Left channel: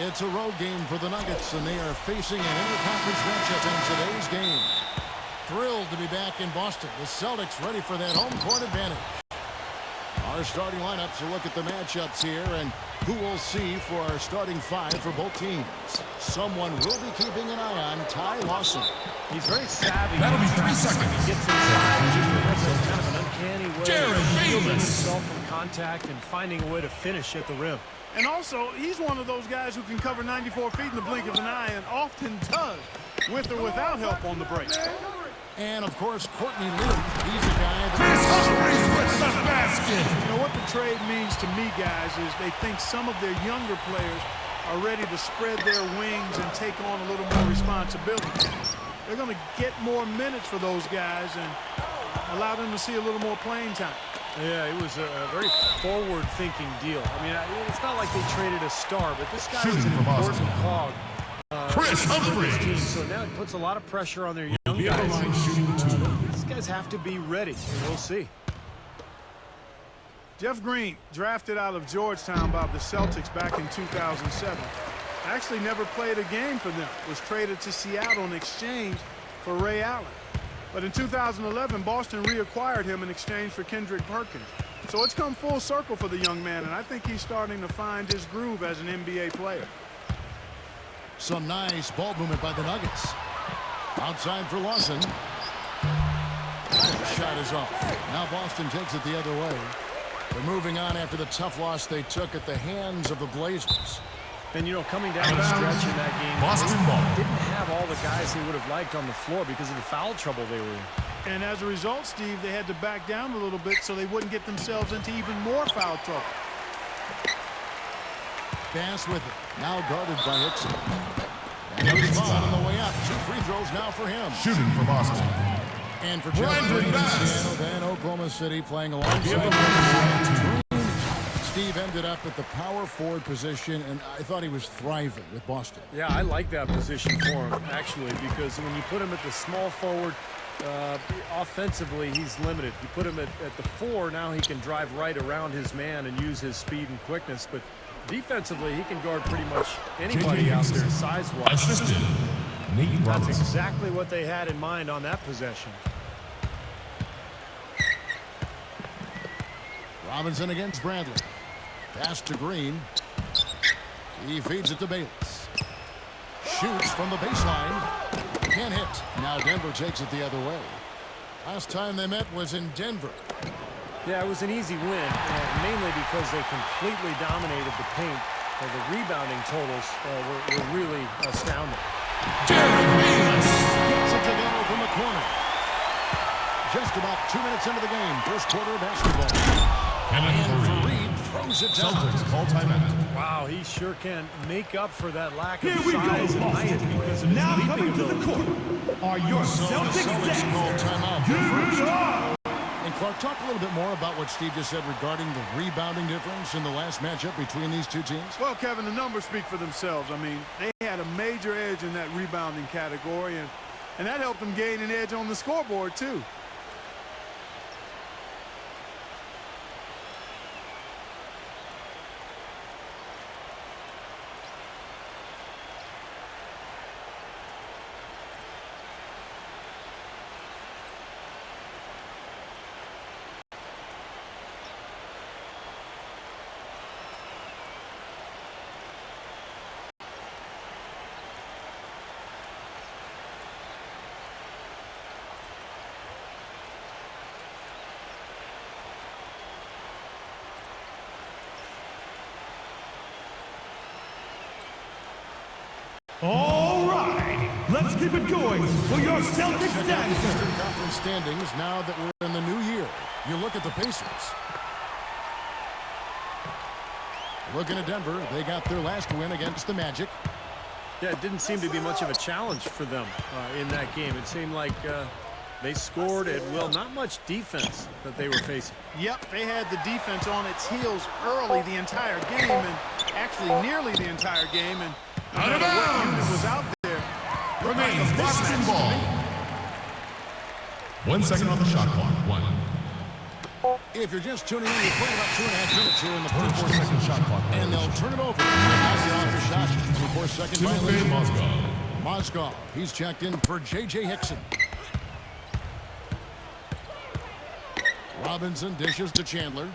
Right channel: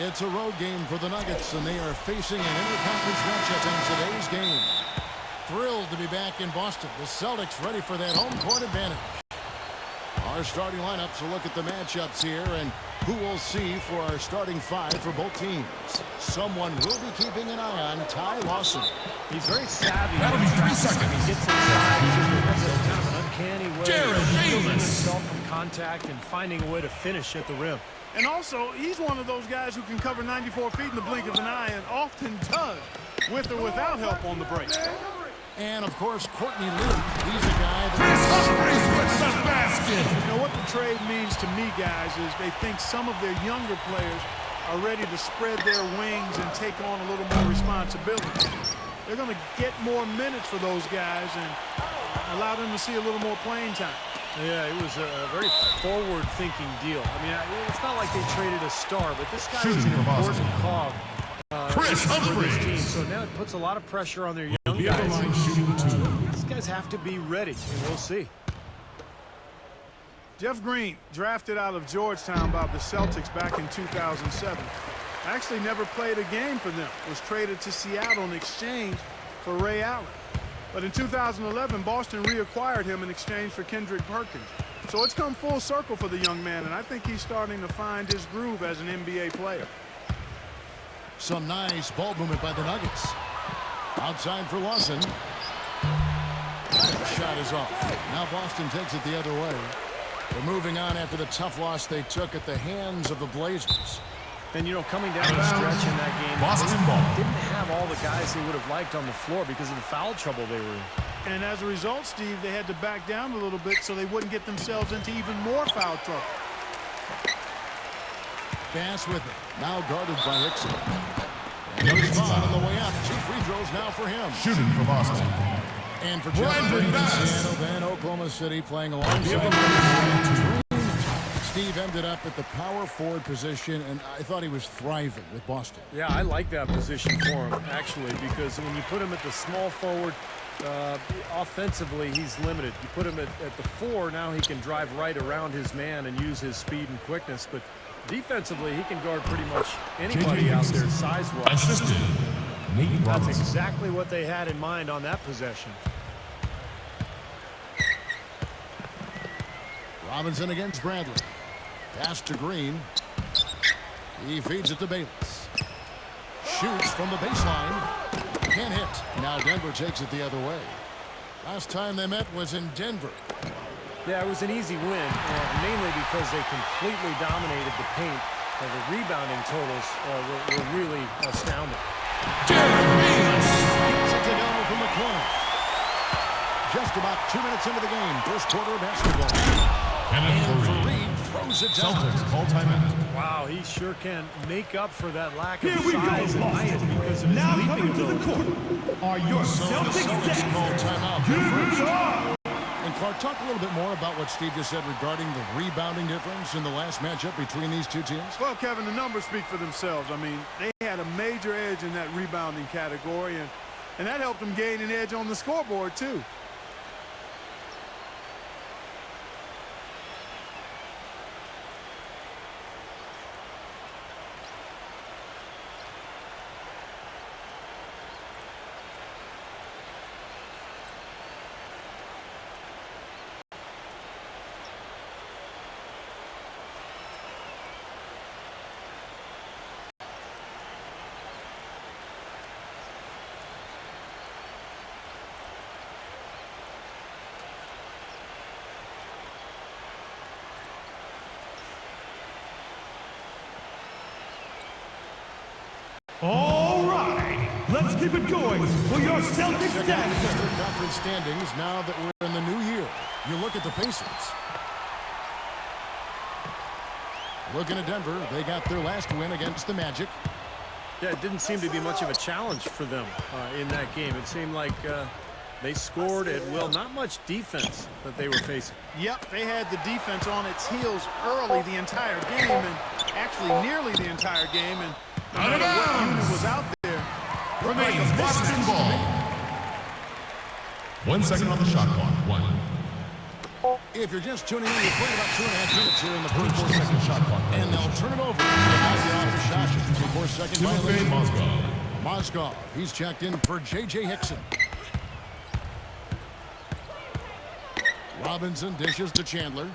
It's a road game for the Nuggets, and they are facing an interconference matchup in today's game. Thrilled to be back in Boston. The Celtics ready for that home court advantage. Our starting lineups will look at the matchups here and who we'll see for our starting five for both teams. Someone will be keeping an eye on Ty Lawson. He's very savvy in traffic. When he gets inside, he has a kind of an uncanny way of shielding himself from contact and finding a way to finish at the rim. And also, he's one of those guys who can cover 94 feet in the blink of an eye and often does, with or without help on the break. And, of course, Courtney Lee. He's a guy that was sorely missed. You know, what the trade means to me, guys, is they think some of their younger players are ready to spread their wings and take on a little more responsibility. They're going to get more minutes for those guys and allow them to see a little more playing time. Yeah, it was a very forward-thinking deal. I mean, it's not like they traded a star, but this guy was an important cog for this team. So now it puts a lot of pressure on their young guys. These guys have to be ready, and we'll see. Jeff Green, drafted out of Georgetown by the Celtics back in 2007. Actually never played a game for them. Was traded to Seattle in exchange for Ray Allen. But in 2011, Boston reacquired him in exchange for Kendrick Perkins. So it's come full circle for the young man, and I think he's starting to find his groove as an NBA player. Some nice ball movement by the Nuggets. Outside for Lawson. Shot is off. Now Boston takes it the other way. They're moving on after the tough loss they took at the hands of the Blazers. And, you know, coming down the stretch in that game, they didn't have all the guys they would have liked on the floor because of the foul trouble they were in. And as a result, Steve, they had to back down a little bit so they wouldn't get themselves into even more foul trouble. Bass with it. Now guarded by Hickson. And he was fouled on the way up. 2 free throws now for him. Shooting for Boston. And for Jeff Green in Seattle, then Oklahoma City playing alongside Green. Steve ended up at the power forward position, and I thought he was thriving with Boston. Yeah, I like that position for him, actually, because when you put him at the small forward, offensively, he's limited. You put him at the 4, now he can drive right around his man and use his speed and quickness. But defensively, he can guard pretty much anybody out there size-wise. That's exactly what they had in mind on that possession. Robinson against Bradley. Pass to Green. He feeds it to Bayless. Shoots from the baseline. Can't hit. Now Denver takes it the other way. Last time they met was in Denver. Yeah, it was an easy win, and mainly because they completely dominated the paint. Well, the rebounding totals were really astounding. He gets it to go from the corner. Just about 2 minutes into the game. First quarter of basketball. And Faried throws it down. Wow, he sure can make up for that lack of size and height because of his leaping ability. So the Celtics call timeout. They're first. And Clark, talk a little bit more about what Steve just said regarding the rebounding difference in the last matchup between these two teams. Well, Kevin, the numbers speak for themselves. I mean, they had a major edge in that rebounding category, and that helped them gain an edge on the scoreboard, too. All right, let's keep it going for your Celtics. Let's check out the Eastern Conference standings now that we're in the new year. You look at the Pacers. Looking at Denver, they got their last win against the Magic. Yeah, it didn't seem to be much of a challenge for them in that game. It seemed like they scored at will. Not much defense that they were facing. Yep, they had the defense on its heels early the entire game, and actually nearly the entire game, and no matter what unit was out there, looked like a mismatch to me. 1 second on the shot clock. 1. If you're just tuning in, we're playing about 2.5 minutes here in the first. And they'll turn it over. Out the office shot. 24-second violation. Mozgov, he's checked in for J.J. Hickson. Robinson dishes to Chandler.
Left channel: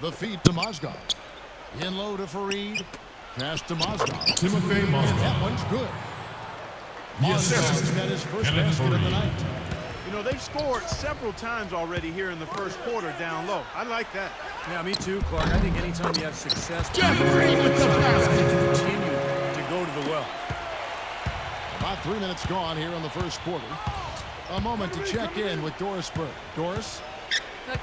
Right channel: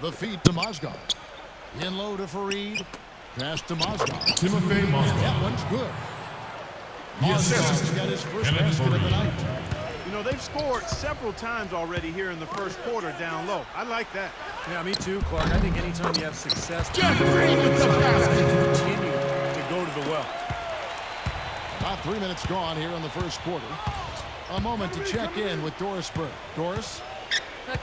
The feed to Mozgov. In low to Faried. Pass to Mozgov. And that one's good. Mozgov's got his first basket of the night. You know, they've scored several times already here in the first quarter down low. I like that. Yeah, me too, Clark. I think anytime you have success pounding the ball inside, you've got to continue to go to the well. About 3 minutes gone here in the first quarter. A moment to check in with Doris Burke. Doris?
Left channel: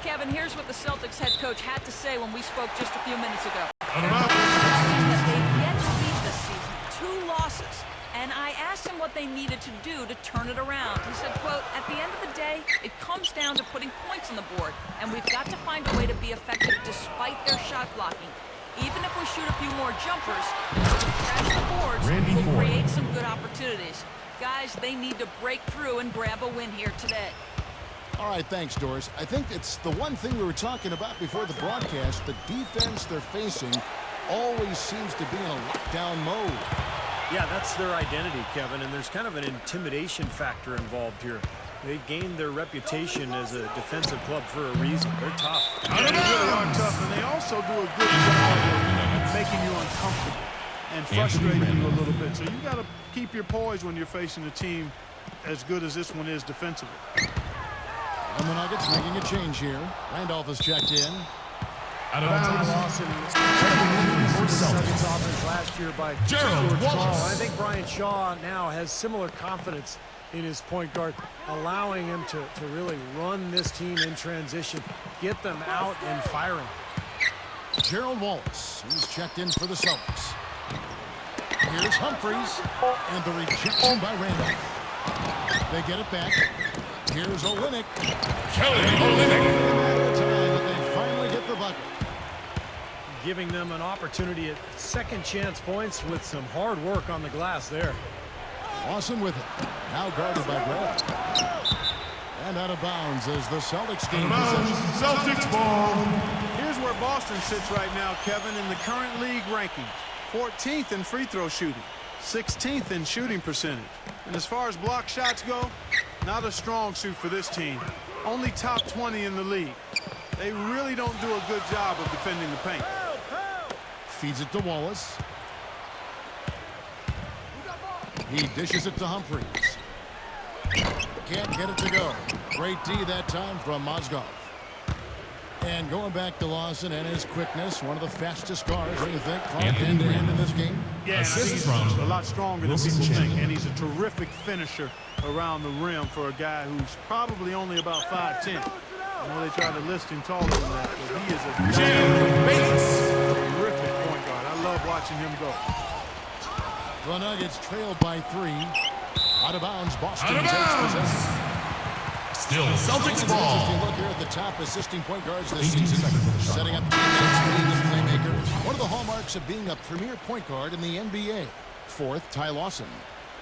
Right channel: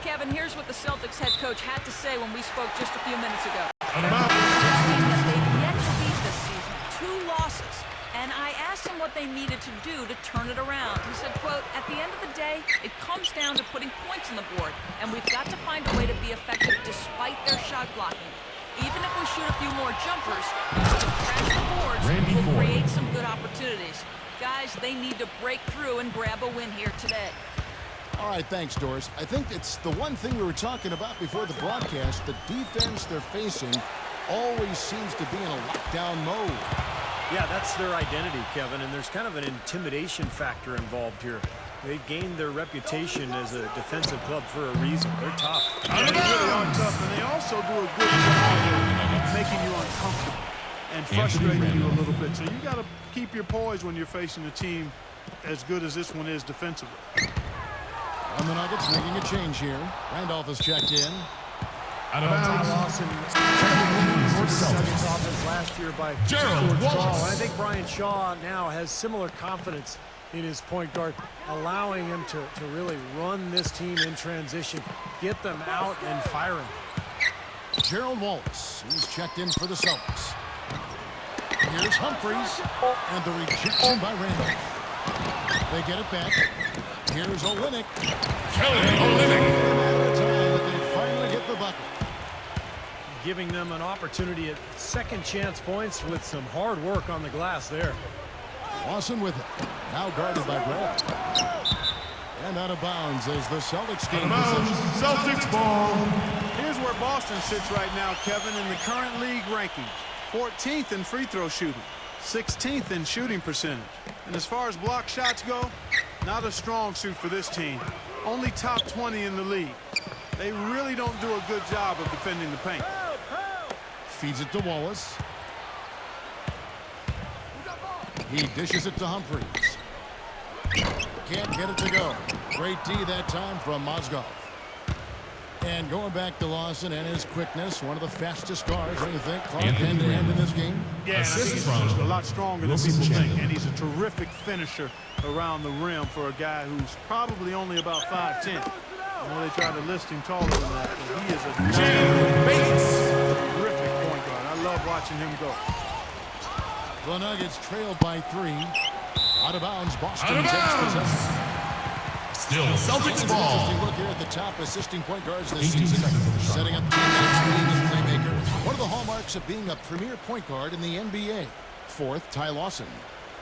Kevin, here's what the Celtics head coach had to say when we spoke just a few minutes ago. They're the first team that they've yet to beat this season. 2 losses. And I asked him what they needed to do to turn it around. He said, quote, at the end of the day, it comes down to putting points on the board. And we've got to find a way to be effective despite their shot blocking. Even if we shoot a few more jumpers, if we crash the boards, we'll create some good opportunities. Guys, they need to break through and grab a win here today. All right, thanks, Doris. I think it's the one thing we were talking about before the broadcast. The defense they're facing always seems to be in a lockdown mode. Yeah, that's their identity, Kevin, and there's kind of an intimidation factor involved here. They've gained their reputation as a defensive club for a reason. They're tough. Yeah, they really are tough, and they also do a good job of making you uncomfortable and frustrating you a little bit. So you got to keep your poise when you're facing a team as good as this one is defensively. And the Nuggets making a change here. Randolph has checked in. Well, Ty Lawson, one of the keys to this Nuggets offense last year by George Karl. And I think Brian Shaw now has similar confidence in his point guard, allowing him to really run this team in transition, get them out and firing. Gerald Wallace, he's checked in for the Celtics. Here's Humphries, and the rejection by Randolph. They get it back. Here's Olynyk. Well, it was only a matter of time that they finally get the bucket. Giving them an opportunity at second chance points with some hard work on the glass there. Lawson with it. Now guarded by Brad. And out of bounds as the Celtics gain possession. Celtics ball. Here's where Boston sits right now, Kevin, in the current league rankings. 14th in free throw shooting. 16th in shooting percentage. And as far as block shots go, not a strong suit for this team. Only top 20 in the league. They really don't do a good job of defending the paint. Feeds it to Wallace. He dishes it to Humphries. Can't get it to go. Great D that time from Mozgov. And going back to Lawson and his quickness, one of the fastest guards, what do you think, Clark, end-to-end in this game? Yeah, and I think he's just a lot stronger than people think. And he's a terrific finisher around the rim for a guy who's probably only about 5'10". I know they try to list him taller than that, but he is a dynamo, terrific point guard. I love watching him go. The Nuggets trail by 3. Out of bounds, Boston takes possession. And an interesting look here at the top assisting point guards this season. Setting up teammates, being a playmaker. One of the hallmarks of being a premier point guard in the NBA. 4th, Ty Lawson.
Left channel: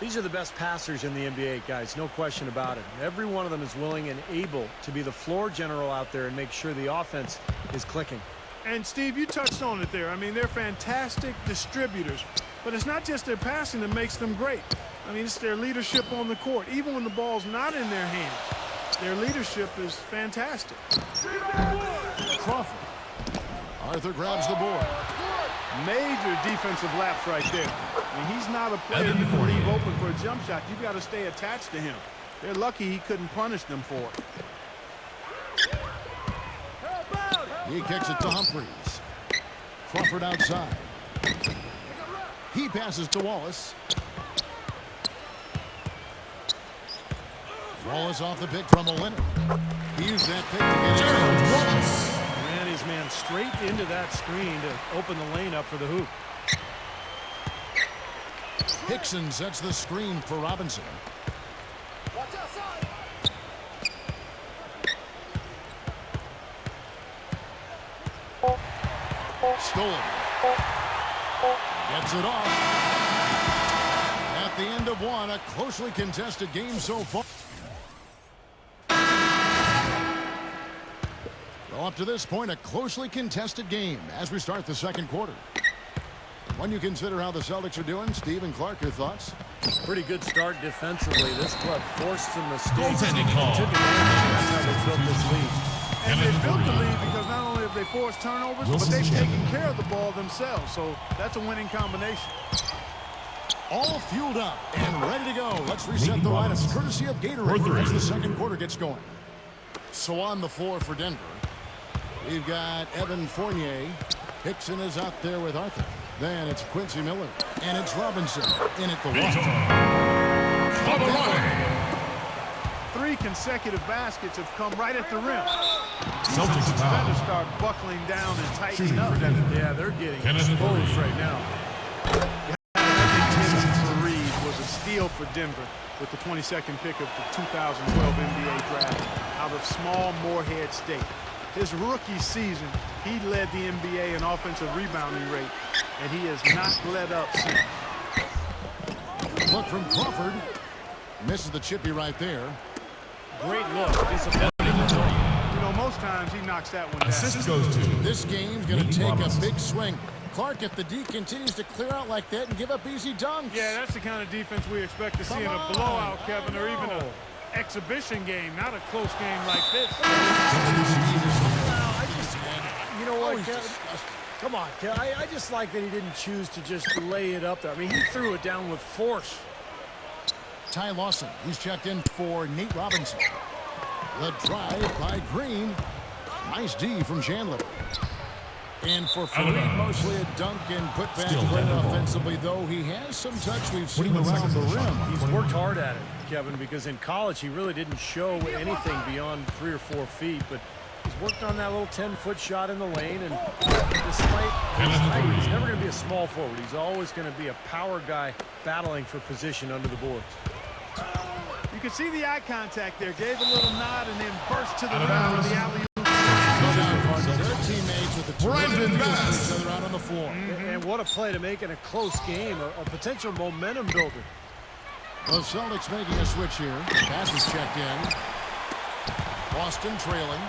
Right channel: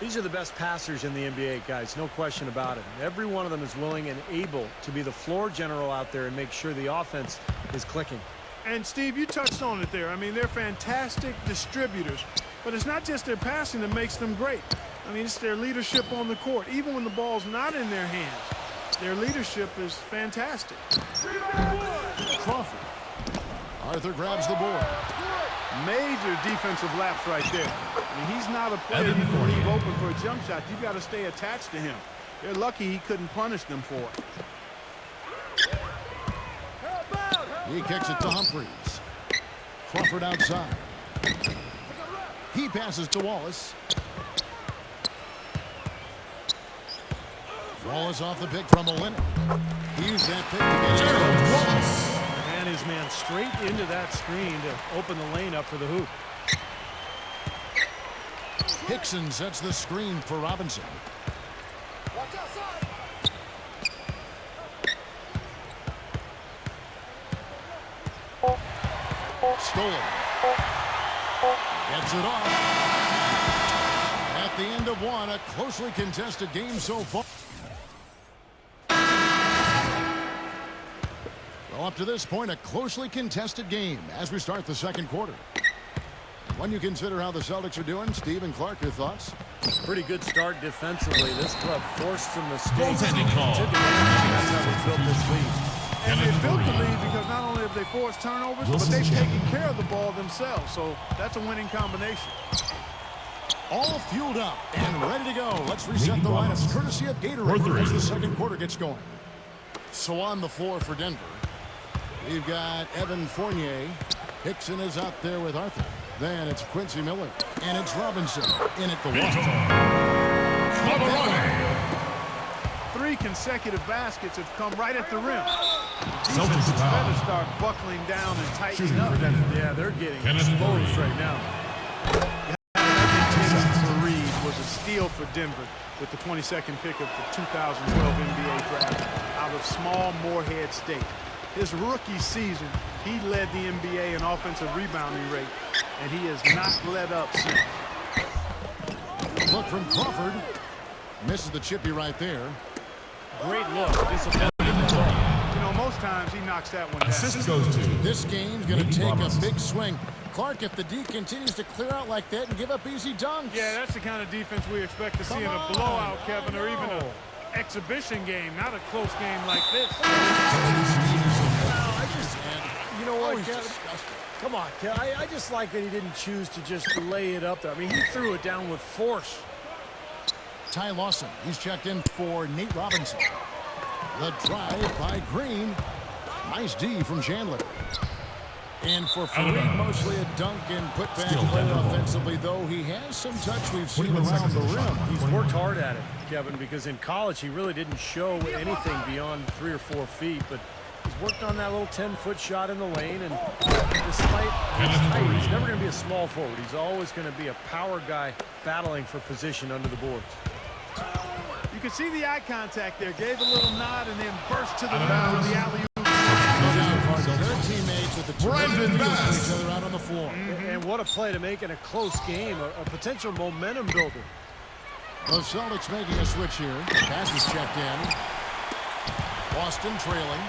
These are the best passers in the NBA, guys, no question about it. Every one of them is willing and able to be the floor general out there and make sure the offense is clicking. And, Steve, you touched on it there. I mean, they're fantastic distributors, but it's not just their passing that makes them great. I mean, it's their leadership on the court. Even when the ball's not in their hands, their leadership is fantastic. Crawford. Arthur grabs the board. Major defensive lapse right there. I mean, he's not a player you can leave open for a jump shot. You've got to stay attached to him. They're lucky he couldn't punish them for it. He kicks it to Humphries. Crawford outside. He passes to Wallace. Wallace off the pick from Olynyk. He used that pick to get in close. He ran his man straight into that screen to open the lane up for the hoop. Hickson sets the screen for Robinson. Watch outside. Stolen. Gets it off. At the end of one, a closely contested game so far. Well, up to this point, a closely contested game as we start the second quarter. When you consider how the Celtics are doing, Steve and Clark, your thoughts? Pretty good start defensively. This club forced some mistakes and took advantage, and that's how they built this lead. And they built the lead because not only have they forced turnovers, but they've taken care of the ball themselves. So that's a winning combination. All fueled up and ready to go. Let's reset the lineups courtesy of Gatorade as the second quarter gets going. So on the floor for Denver, we've got Evan Fournier. Hickson is out there with Arthur. Then it's Quincy Miller. And it's Robinson in at the one. Caught that one. 3 consecutive baskets have come right at the rim. Defense had better start buckling down and tightening up. Yeah, they're getting exposed right now. Faried was a steal for Denver with the 22nd pick of the 2012 NBA draft out of small Morehead State. His rookie season, he led the NBA in offensive rebounding rate, and he has not let up since. Look from Crawford. Misses the chippy right there. Great look. Disappointing result. You know, most times he knocks that one down. This game's going to take a big swing. Clark, if the D continues to clear out like that and give up easy dunks. Yeah, that's the kind of defense we expect to see in a blowout, Kevin, or even an exhibition game, not a close game like this. Well, I just, you know what, Kevin? Disgusting. Come on, Kevin. I just like that he didn't choose to just lay it up there. I mean, he threw it down with force. Ty Lawson, he's checked in for Nate Robinson. The drive by Green. Nice D from Chandler. And for Faried, mostly a dunk and putback player offensively, though he has some touch we've seen around the rim. He's worked hard at it, Kevin, because in college he really didn't show anything beyond 3 or 4 feet, but he's worked on that little 10-foot shot in the lane, and despite his height, he's never going to be a small forward. He's always going to be a power guy battling for position under the boards. You can see the eye contact there. Gave a little nod and then burst to the rim for the alley-oop. No doubt, Carter. They're teammates with a terrific feel for each other out on the floor. And what a play to make in a close game, a potential momentum builder. The Celtics making a switch here. Pass is checked in. Boston trailing.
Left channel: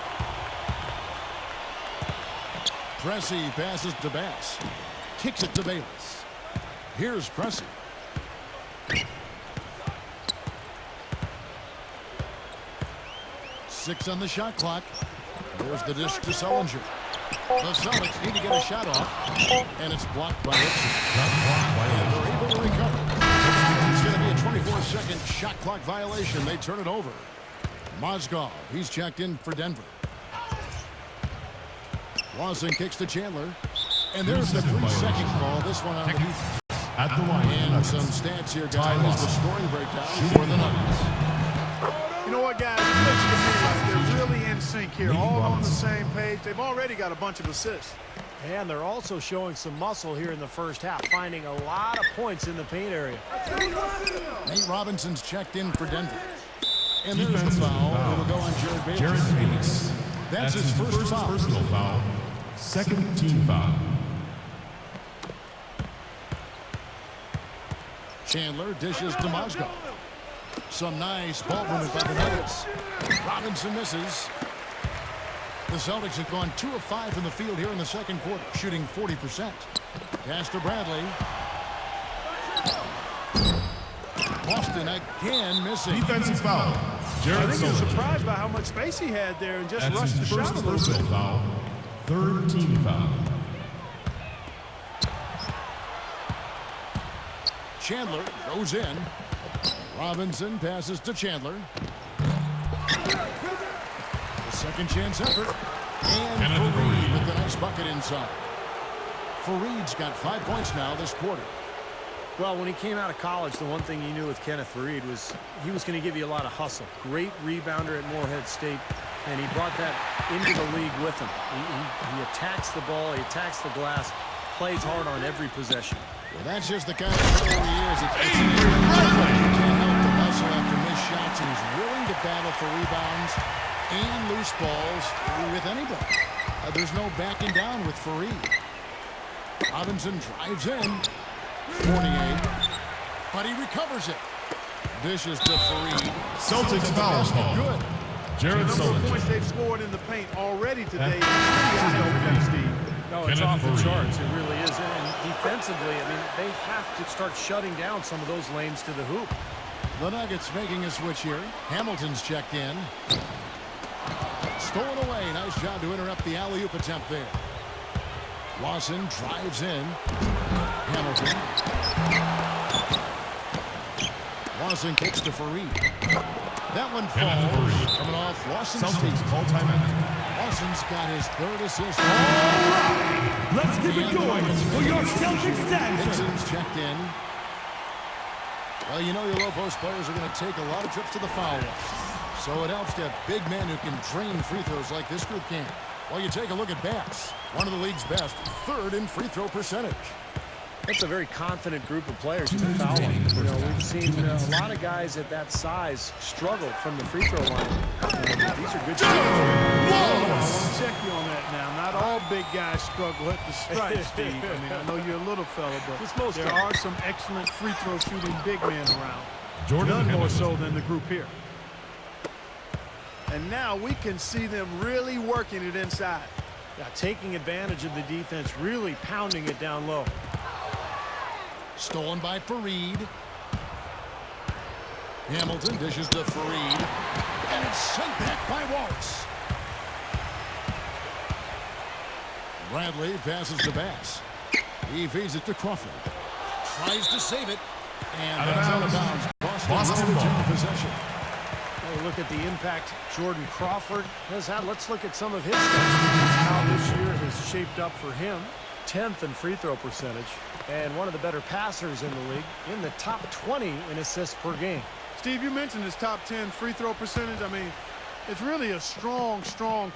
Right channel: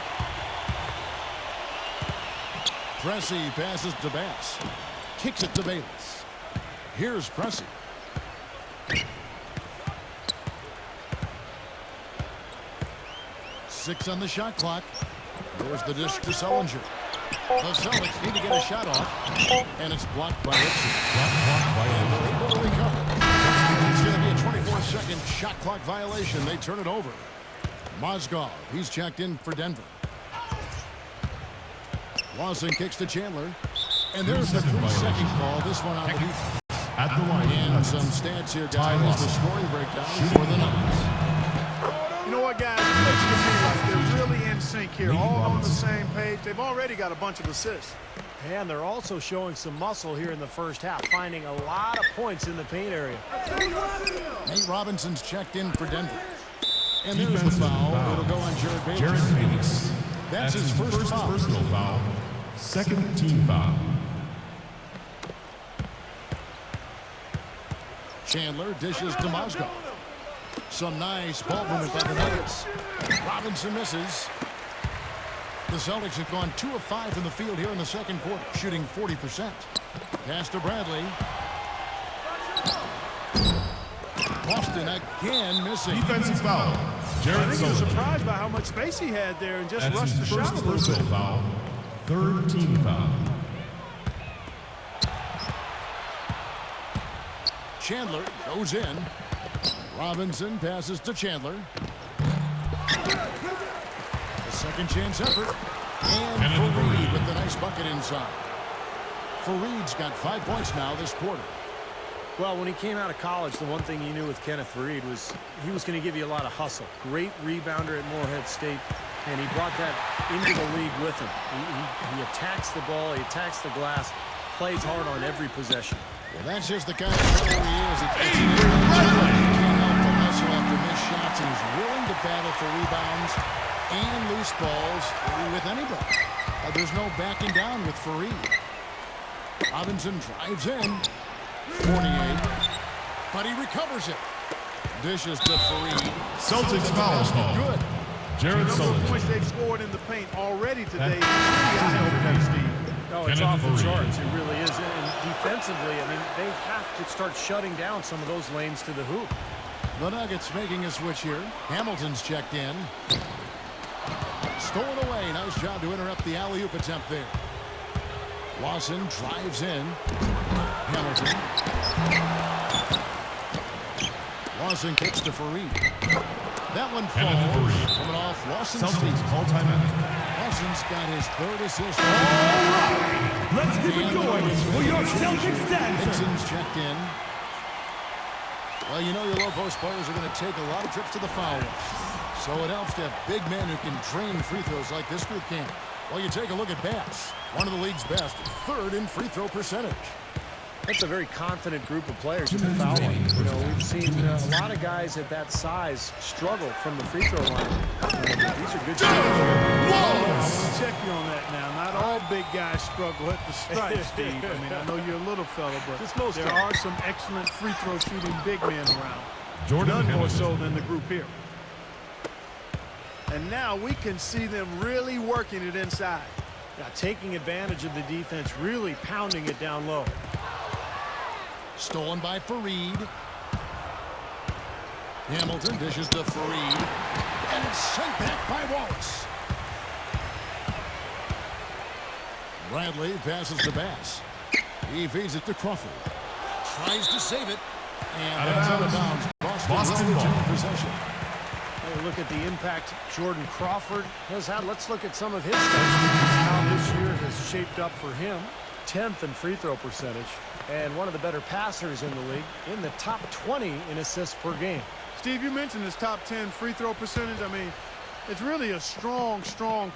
Pressey passes to Bass. Kicks it to Bayless. Here's Pressey. Six on the shot clock. There's the dish to Sullinger. The Celtics need to get a shot off, and it's blocked by Hickson. And they're able to recover. It's going to be a 24-second shot clock violation. They turn it over. Mozgov, he's checked in for Denver. Lawson kicks to Chandler. And there's the 3-second call. This one on the defense. And some stats here, guys. The scoring breakdown for the Nuggets. You know what, guys? It looks to me like they're really in sync here, all on the same page. They've already got a bunch of assists. And they're also showing some muscle here in the first half, finding a lot of points in the paint area. Nate Robinson's checked in for Denver. And there's the foul. It'll go on Jared Bayless. That's his first foul. Second team foul. Chandler dishes to Mozgov. Some nice ball movement by the Nuggets. Robinson misses. The Celtics have gone 2 of 5 from the field here in the second quarter, shooting 40%. Pass to Bradley. Boston again missing. Defensive foul. I think he was surprised by how much space he had there and just rushed the shot a little bit. Third team foul. Chandler goes in. Robinson passes to Chandler. The second chance effort. And Faried with the nice bucket inside. Faried's got 5 points now this quarter. Well, when he came out of college, the one thing you knew with Kenneth Faried was he was going to give you a lot of hustle. Great rebounder at Morehead State, and he brought that into the league with him. He attacks the ball, he attacks the glass, plays hard on every possession. Well, that's just the kind of player he is. It's in his nature. You can't help but hustle after missed shots, and he's willing to battle for rebounds and loose balls with anybody. There's no backing down with Faried. Robinson drives in. 48. But he recovers it. Dishes to Faried. Celtics And the basket good. The number of points they've scored in the paint already today is pretty eye-opening, Steve. No, it's off the charts. It really is. And defensively, I mean, they have to start shutting down some of those lanes to the hoop. The Nuggets making a switch here. Hamilton's checked in. Stolen away. Nice job to interrupt the alley-oop attempt there. Lawson drives in. Hamilton. Lawson kicks to Faried. That one falls. Coming off Lawson's feet. Lawson's got his third assist. And the Nuggets making a change here. Hickson's checked in. Well, you know your low post players are going to take a lot of trips to the foul line. So it helps to have big men who can drain free throws like this group can. Well, you take a look at Bass, one of the league's best, third in free throw percentage. That's a very confident group of players at the foul line. You know, we've seen a lot of guys at that size struggle from the free throw line. These are good shooters here. Oh, I want to check you on that now. Not all big guys struggle at the stripe, Steve. I mean, I know you're a little fella, but there are some excellent free throw shooting big men around. None more so than the group here. And now we can see them really working it inside. Yeah, taking advantage of the defense, really pounding it down low. Stolen by Faried. Hamilton dishes to Faried. And it's sent back by Wallace. Bradley passes to Bass. He feeds it to Crawford. Tries to save it. And that's out of bounds. Boston will retain possession. Hey, look at the impact Jordan Crawford has had. Let's look at some of his stats. How this year has shaped up for him. 10th in free throw percentage. And one of the better passers in the league, in the top 20 in assists per game. Steve, you mentioned his top 10 free throw percentage. I mean, it's really a strong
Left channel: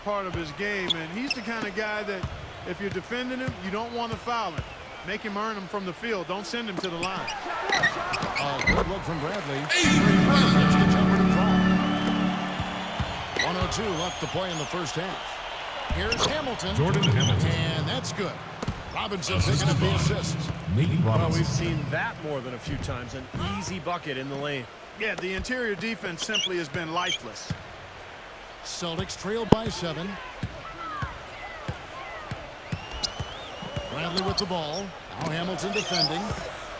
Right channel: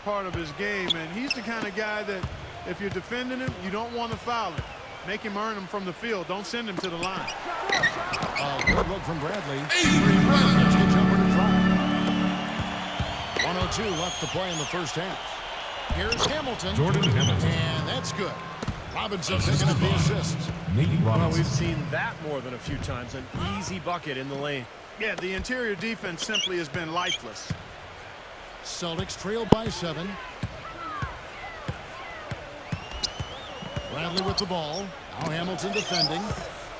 part of his game. And he's the kind of guy that if you're defending him, you don't want to foul him. Make him earn him from the field. Don't send him to the line. Good look from Bradley. And he hits the jumper to drop. 1:02 left to play in the first half. Here's Hamilton. And that's good. Robinson picking up the assists. Well, we've seen that more than a few times. An easy bucket in the lane. Yeah, the interior defense simply has been lifeless. Celtics trail by 7. Bradley with the ball. Now Hamilton defending.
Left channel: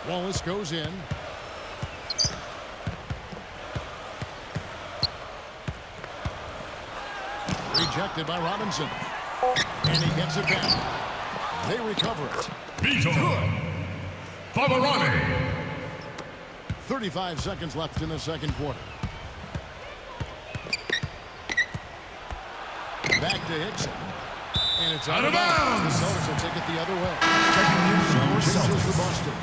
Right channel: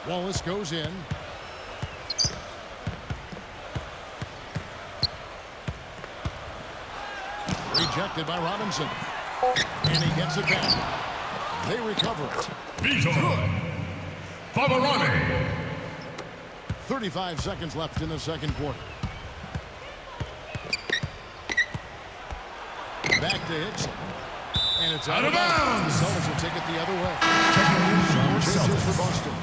Wallace goes in. Rejected by Robinson. And he gets it back. They recover it. Good. 35 seconds left in the second quarter. Back to Hickson. And it's out of bounds. The Celtics will take it the other way. Some changes for Boston.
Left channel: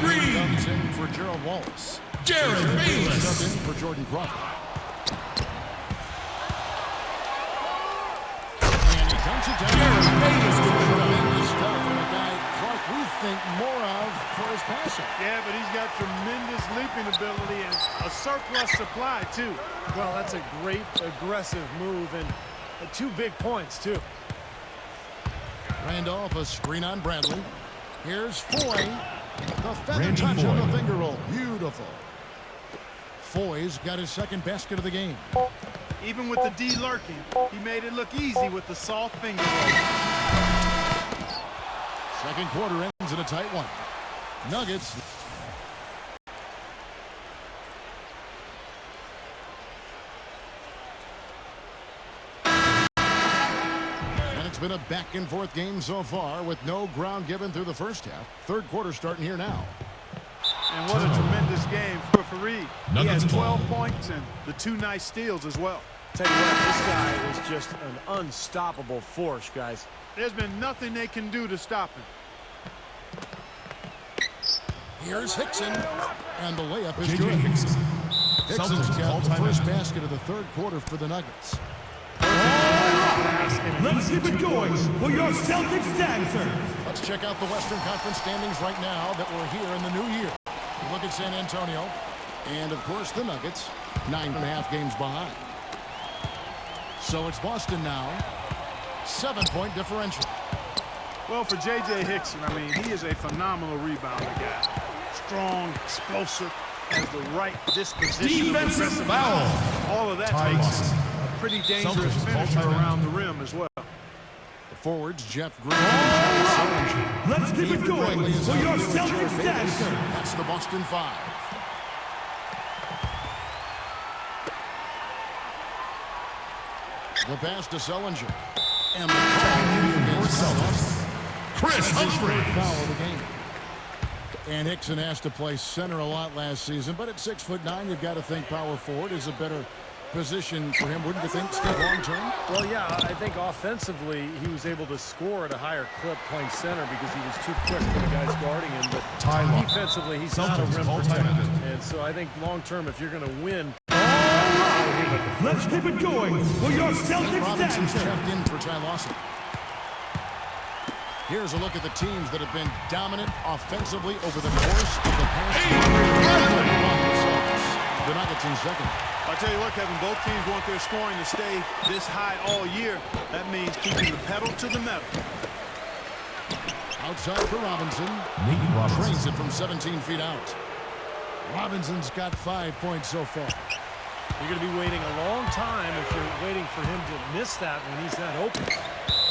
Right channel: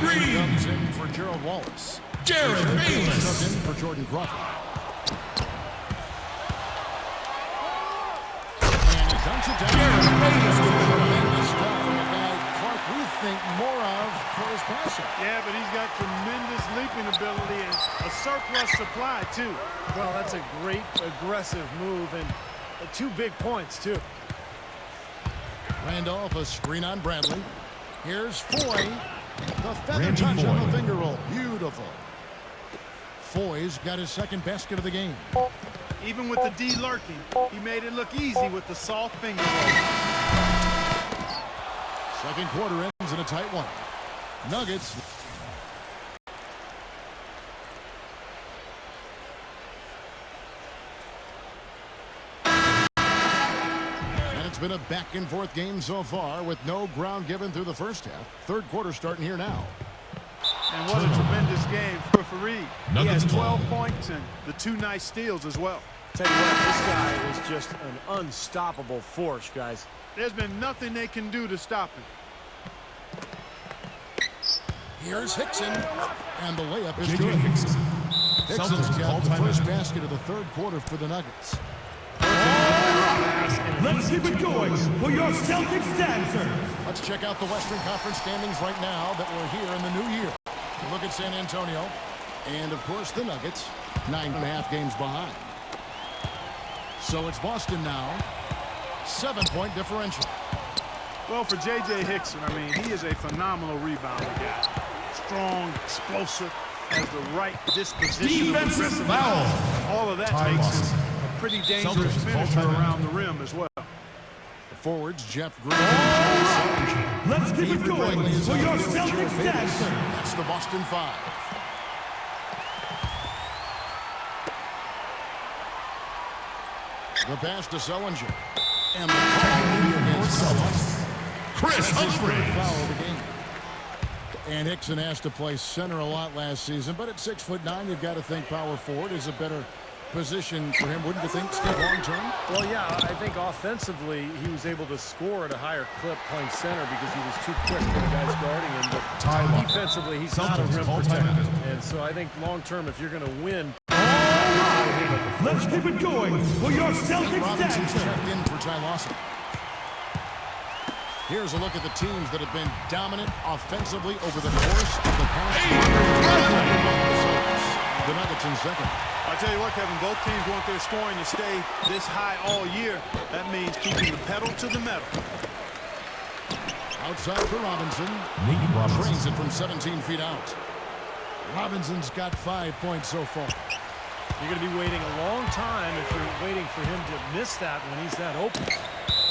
Green comes in for Gerald Wallace. And Jared Bayless subbed in for Jordan Crawford. And he dunks it down. Tremendous stuff from a guy, Clark, we think more of for his passing. Yeah, but he's got tremendous leaping ability and a surplus supply, too. Well, that's a great aggressive move and 2 big points, too. Randolph, a screen on Bradley. Here's Foy. The feather touch on the finger roll. Beautiful. Foy's got his second basket of the game. Even with the D lurking, he made it look easy with the soft finger roll. Second quarter ends in a tight one. Nuggets. It's been a back-and-forth game so far with no ground given through the first half. Third quarter starting here now. And what a tremendous game for Faried. He has 12 points and the 2 nice steals as well. Tell you what, this guy is just an unstoppable force, guys. There's been nothing they can do to stop him. Here's Hickson, and the layup is good. Hickson's got the first basket of the third quarter for the Nuggets. Pass and an easy 2 points. For your Celtics dancer. Let's check out the Western Conference standings right now that we're here in the new year. We look at San Antonio, and of course the Nuggets, 9.5 games behind. So it's Boston now, 7-point differential. Well, for J.J. Hickson, I mean, he is a phenomenal rebounder guy. Strong, explosive, has the right disposition of aggressiveness. All of that makes him a pretty dangerous finisher around the rim as well. The forwards, Jeff Green and Jared Let's Sullinger. keep it Avery going Bradley is out for there with your Jared Bayless. That's the Boston 5. The pass to Sullinger. And the call will be against Ty Lawson. That's his third foul of the game. And Hickson has to play center a lot last season, but at 6'9", you've got to think power forward is a better position for him, wouldn't you think, Steve, long term? Well, yeah, I think offensively he was able to score at a higher clip playing center because he was too quick for the guys guarding him. But defensively, he's not a rim protector. And so I think long term, if you're going to win, you have to play him at the 4 spot. Keep it going for your Celtics. Nate Robinson's checked in for Ty Lawson. Here's a look at the teams that have been dominant offensively over the course of the past month. Number 1, the Celtics. The Nuggets in second. I'll tell you what, Kevin, both teams want their scoring to stay this high all year. That means keeping the pedal to the metal. Outside for Robinson. Trains it from 17 feet out. Robinson's got 5 points so far. You're going to be waiting a long time if you're waiting for him to miss that when he's that open.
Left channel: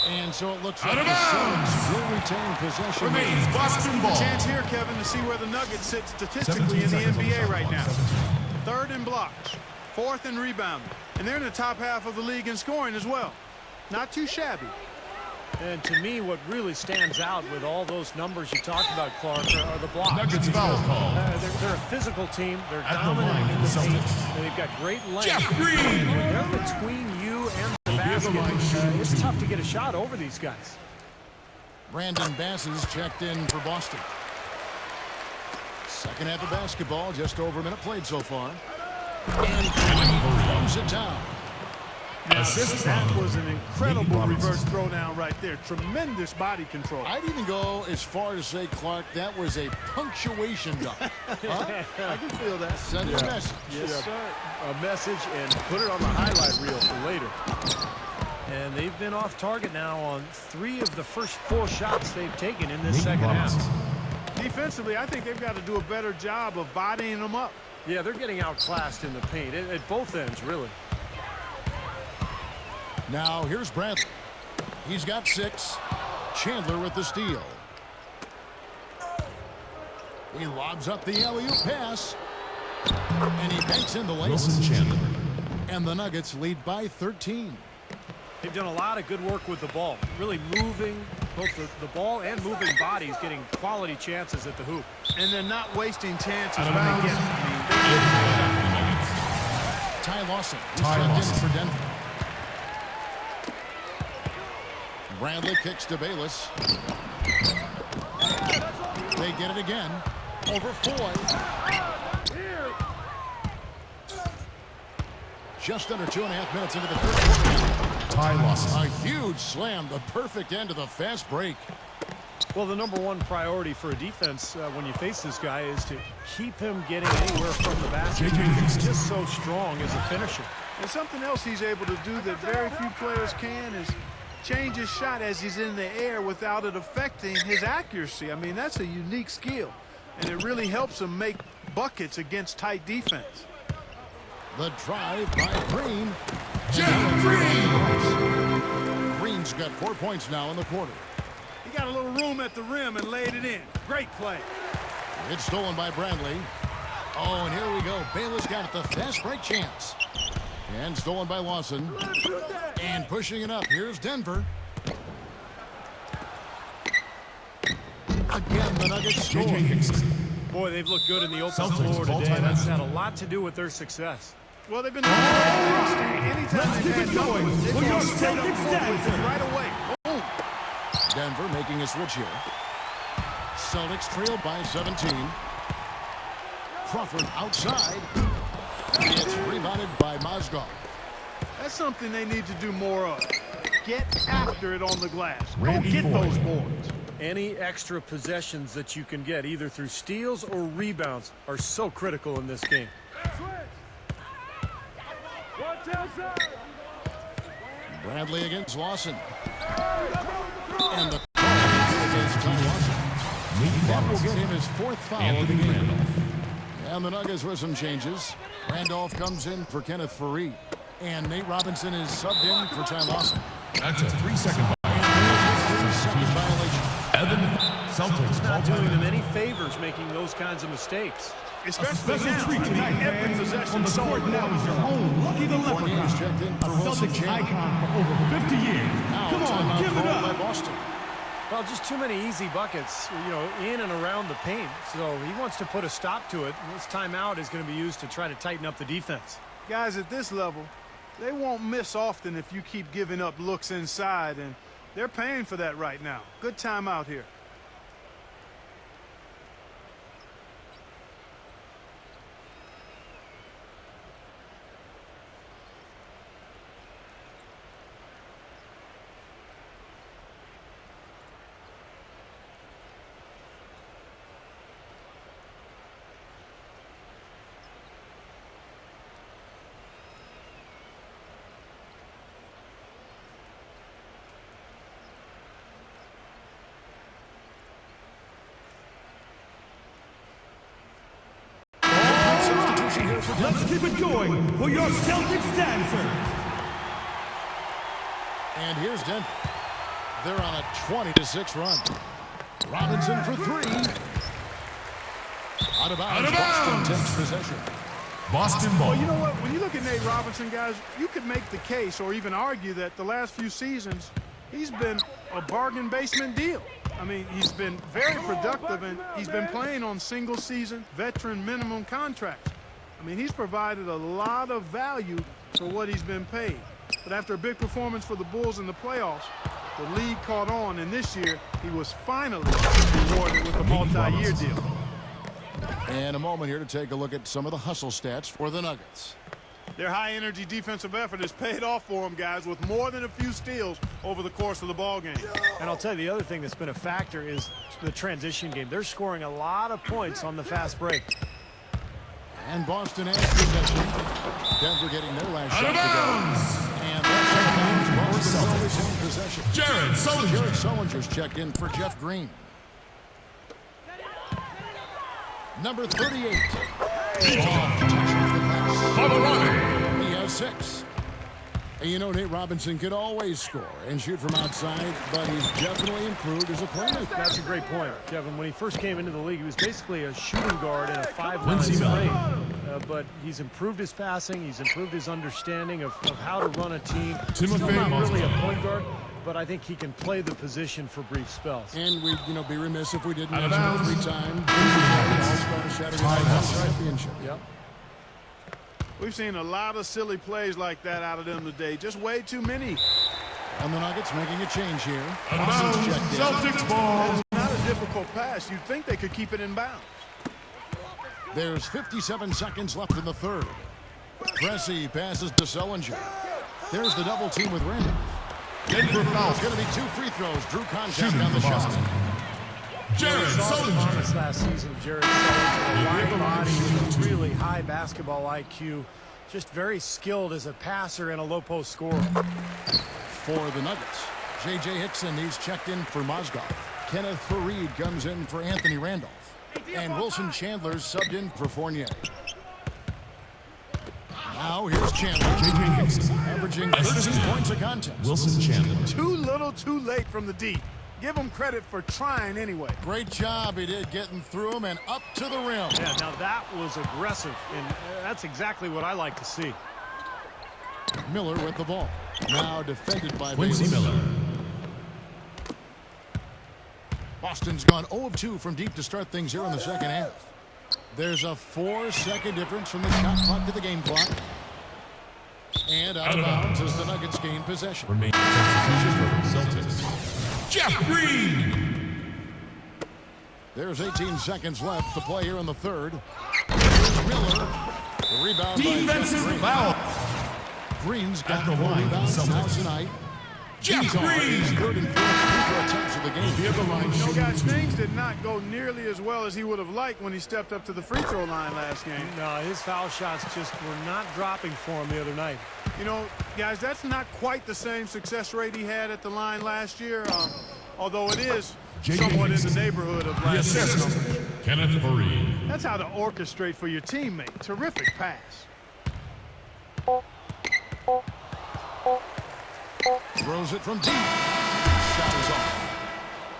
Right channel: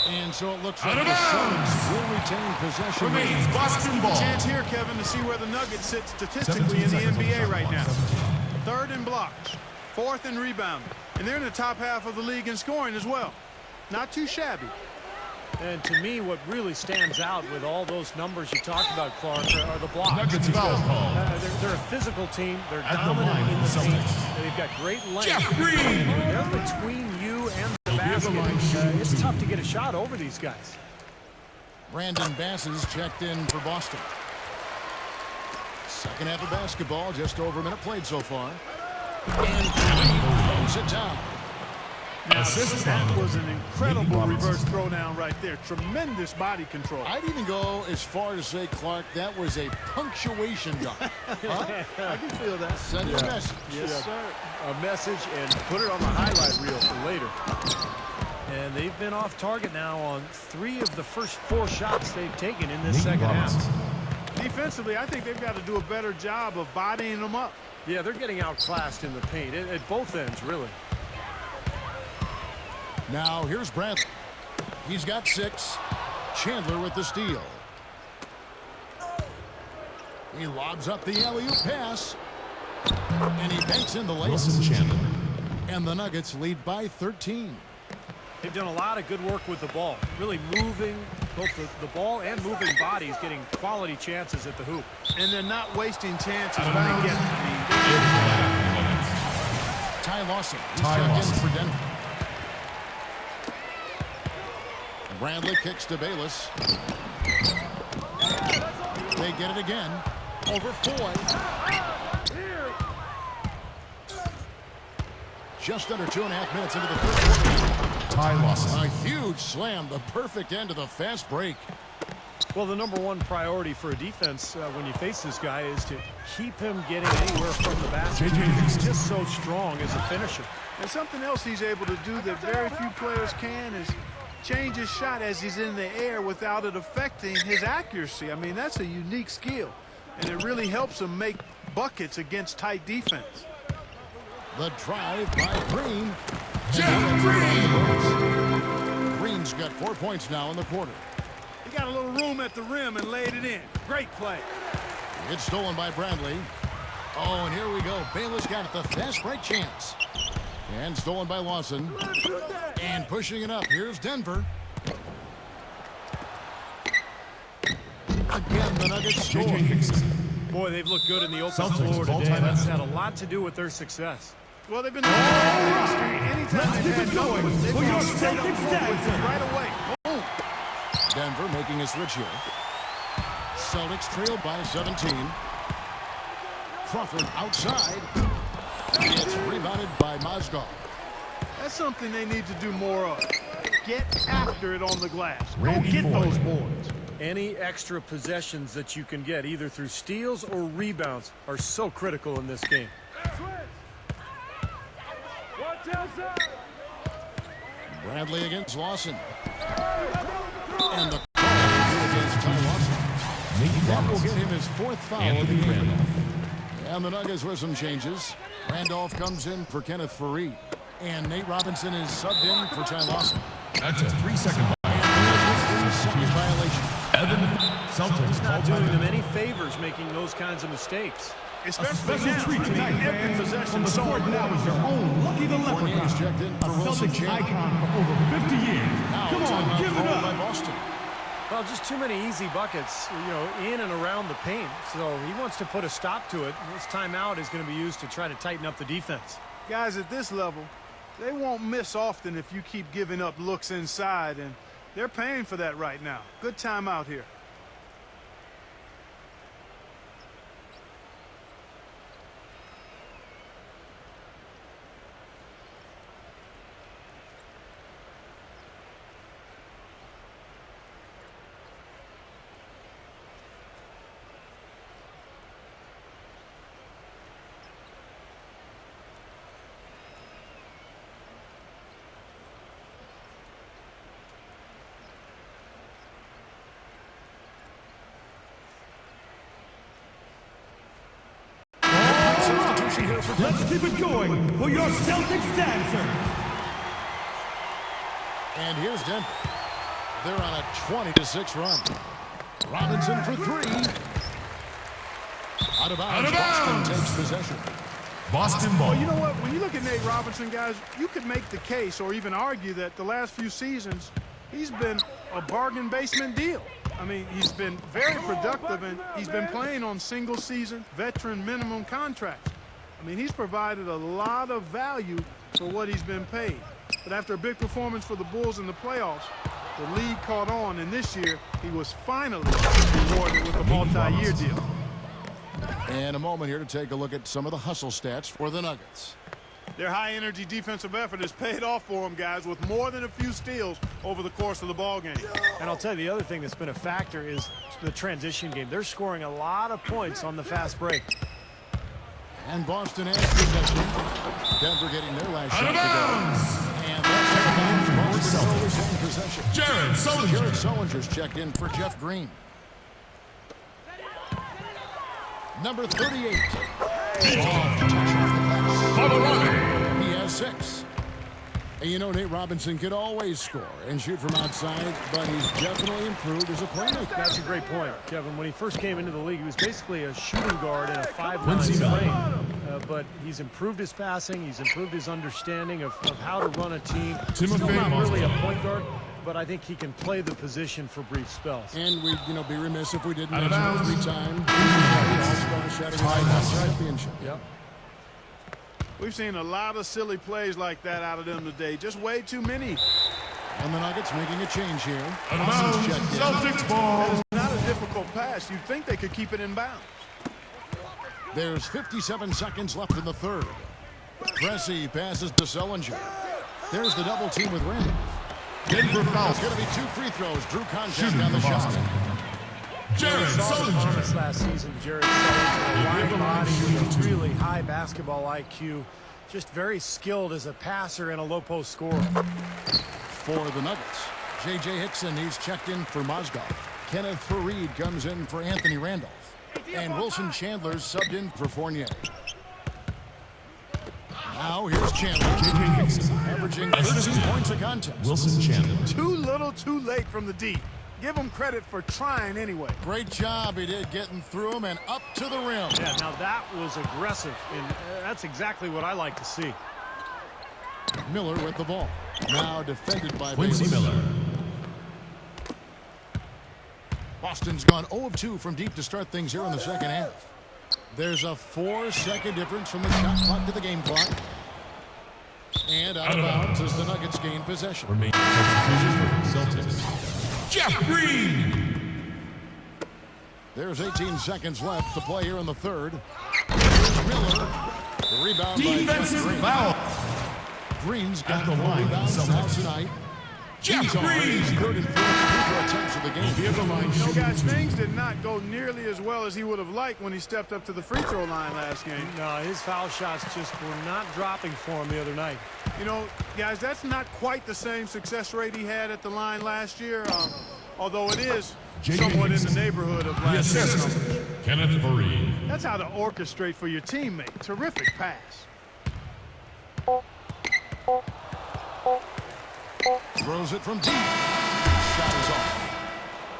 And so it looks like the Celtics will retain possession here. A chance here, Kevin, to see where the Nuggets sit statistically in the NBA right now. 3rd in blocks, 4th in rebounding, and they're in the top half of the league in scoring as well. Not too shabby. And to me, what really stands out with all those numbers you talked about, Clark, are the blocks, because they're a physical team. They're dominant in the paint. And they've got great length. And when they're between you and the basket, it's tough to get a shot over these guys. Brandon Bass is checked in for Boston. Second half of basketball, just over a minute played so far. And Faried throws it down. Now, that was an incredible reverse throwdown right there. Tremendous body control. I'd even go as far to say, Clark, that was a punctuation dunk. Huh? I can feel that. Send a message. Yes, sir. A message and put it on the highlight reel for later. And they've been off target now on 3 of the first 4 shots they've taken in this second half. Defensively, I think they've got to do a better job of bodying them up. Yeah, they're getting outclassed in the paint at both ends, really. Now here's Bradley. He's got 6. Chandler with the steal. He lobs up the alley-oop pass. And he banks in the layup. And the Nuggets lead by 13. They've done a lot of good work with the ball. Really moving both the ball and moving bodies, getting quality chances at the hoop. And they're not wasting chances when they get them. I mean, they're getting their shot. Ty Lawson, he's checked in for Denver. Bradley kicks to Bayless. They get it again. Over Foy. Just under 2.5 minutes into the third quarter. A huge slam, the perfect end of the fast break. Well, the number 1 priority for a defense when you face this guy is to keep him getting anywhere from the basket because he's just so strong as a finisher. And something else he's able to do that very few players can is change his shot as he's in the air without it affecting his accuracy. I mean, that's a unique skill, and it really helps him make buckets against tight defense. The drive by Green, and the layup's good off the glass. Green's got 4 points now in the quarter. He got a little room at the rim and laid it in. Great play. It's stolen by Bradley. Oh, and here we go. Bayless got it, the fast break chance. And stolen by Lawson. And pushing it up. Here's Denver. Again, the Nuggets score. Boy, they've looked good in the open floor today. That's had a lot to do with their success. Well, they've been doing the right thing, Steve. Anytime they've had numbers, they've gone straight up court with it right away. Boom. Denver making a switch here. Celtics trail by 17. Crawford outside. It's rebounded by Mozgov. That's something they need to do more of. Get after it on the glass. Go get those boards. Any extra possessions that you can get, either through steals or rebounds, are so critical in this game. Bradley against Lawson. And the call will be against Ty Lawson. That will get him his 4th foul of the game. And the Nuggets with some changes. Randolph comes in for Kenneth Faried. And Nate Robinson is subbed in for Ty Lawson. That's a 3-second. And there's second violation. He's not doing them any favors making those kinds of mistakes. Especially now. I mean, every possession's so important for him. Fournier's checked in for Wilson Chandler. Now a timeout called by Boston. Well, just too many easy buckets, you know, in and around the paint. So he wants to put a stop to it. This timeout is going to be used to try to tighten up the defense. Guys at this level, they won't miss often if you keep giving up looks inside, and they're paying for that right now. Good timeout here. Substitution here for Denver. Keep it going for your Celtics dancer. And here's Denver. They're on a 20-6 run. Robinson for three. Out of bounds, Boston takes possession. Boston ball. Well, you know what? When you look at Nate Robinson, guys, you could make the case or even argue that the last few seasons, he's been a bargain basement deal. I mean, he's been very productive, and he's been playing on single-season veteran minimum contracts. I mean, he's provided a lot of value for what he's been paid. But after a big performance for the Bulls in the playoffs, the league caught on, and this year he was finally rewarded with a multi-year deal. And a moment here to take a look at some of the hustle stats for the Nuggets. Their high-energy defensive effort has paid off for them, guys, with more than a few steals over the course of the ball game. And I'll tell you, the other thing that's been a factor is the transition game. They're scoring a lot of points on the fast break. And Boston has possession. Denver getting their last shot to go. And that's out of bounds. Boston will retain possession. Jared Sullinger's checked in for Jeff Green. Number 38. Soft touch off the glass. He has 6. And you know, Nate Robinson could always score and shoot from outside, but he's definitely improved as a playmaker. That's a great point, Kevin. When he first came into the league, he was basically a shooting guard in a 5'9" frame. But he's improved his passing. He's improved his understanding of how to run a team. Still not really a point guard, but I think he can play the position for brief spells. And we'd, be remiss if we didn't mention a 3-time All-Star Saturday Night Championship. Yep. We've seen a lot of silly plays like that out of them today. Just way too many. And the Nuggets making a change here. Lawson's checked in. That is not a difficult pass. You'd think they could keep it in bounds. There's 57 seconds left in the third. Cressy passes to Sullinger. There's the double team with Randolph. It's going to be 2 free throws. Drew contact on the shot. You know, we saw the promise last season, Jared Sullinger, a wide body with a really high basketball IQ, just very skilled as a passer and a low-post scorer. For the Nuggets, J.J. Hickson, he's checked in for Mozgov. Kenneth Faried comes in for Anthony Randolph. And Wilson Chandler's subbed in for Fournier. Now here's Chandler, averaging 13 points a contest. Too little, too late from the deep. Give him credit for trying anyway. Great job he did getting through him and up to the rim. Yeah, now that was aggressive, and that's exactly what I like to see. Miller with the ball. Now defended by Bayless. Boston's gone 0 of 2 from deep to start things here in the second half. There's a 4-second difference from the shot clock to the game clock. And out of bounds as the Nuggets gain possession. Jeff Green. There's 18 seconds left to play here in the third. Here's Miller. The rebound by Jeff Green. Green's got 4 rebounds now tonight. These are his 3rd and 4th free throw attempts of the game. You know, guys, things did not go nearly as well as he would have liked when he stepped up to the free throw line last game. No, his foul shots just were not dropping for him the other night. You know, guys, that's not quite the same success rate he had at the line last year, although it is somewhat in the neighborhood of last year's numbers. Kenneth Faried. That's how to orchestrate for your teammate. Terrific pass. Throws it from deep. Shot is off.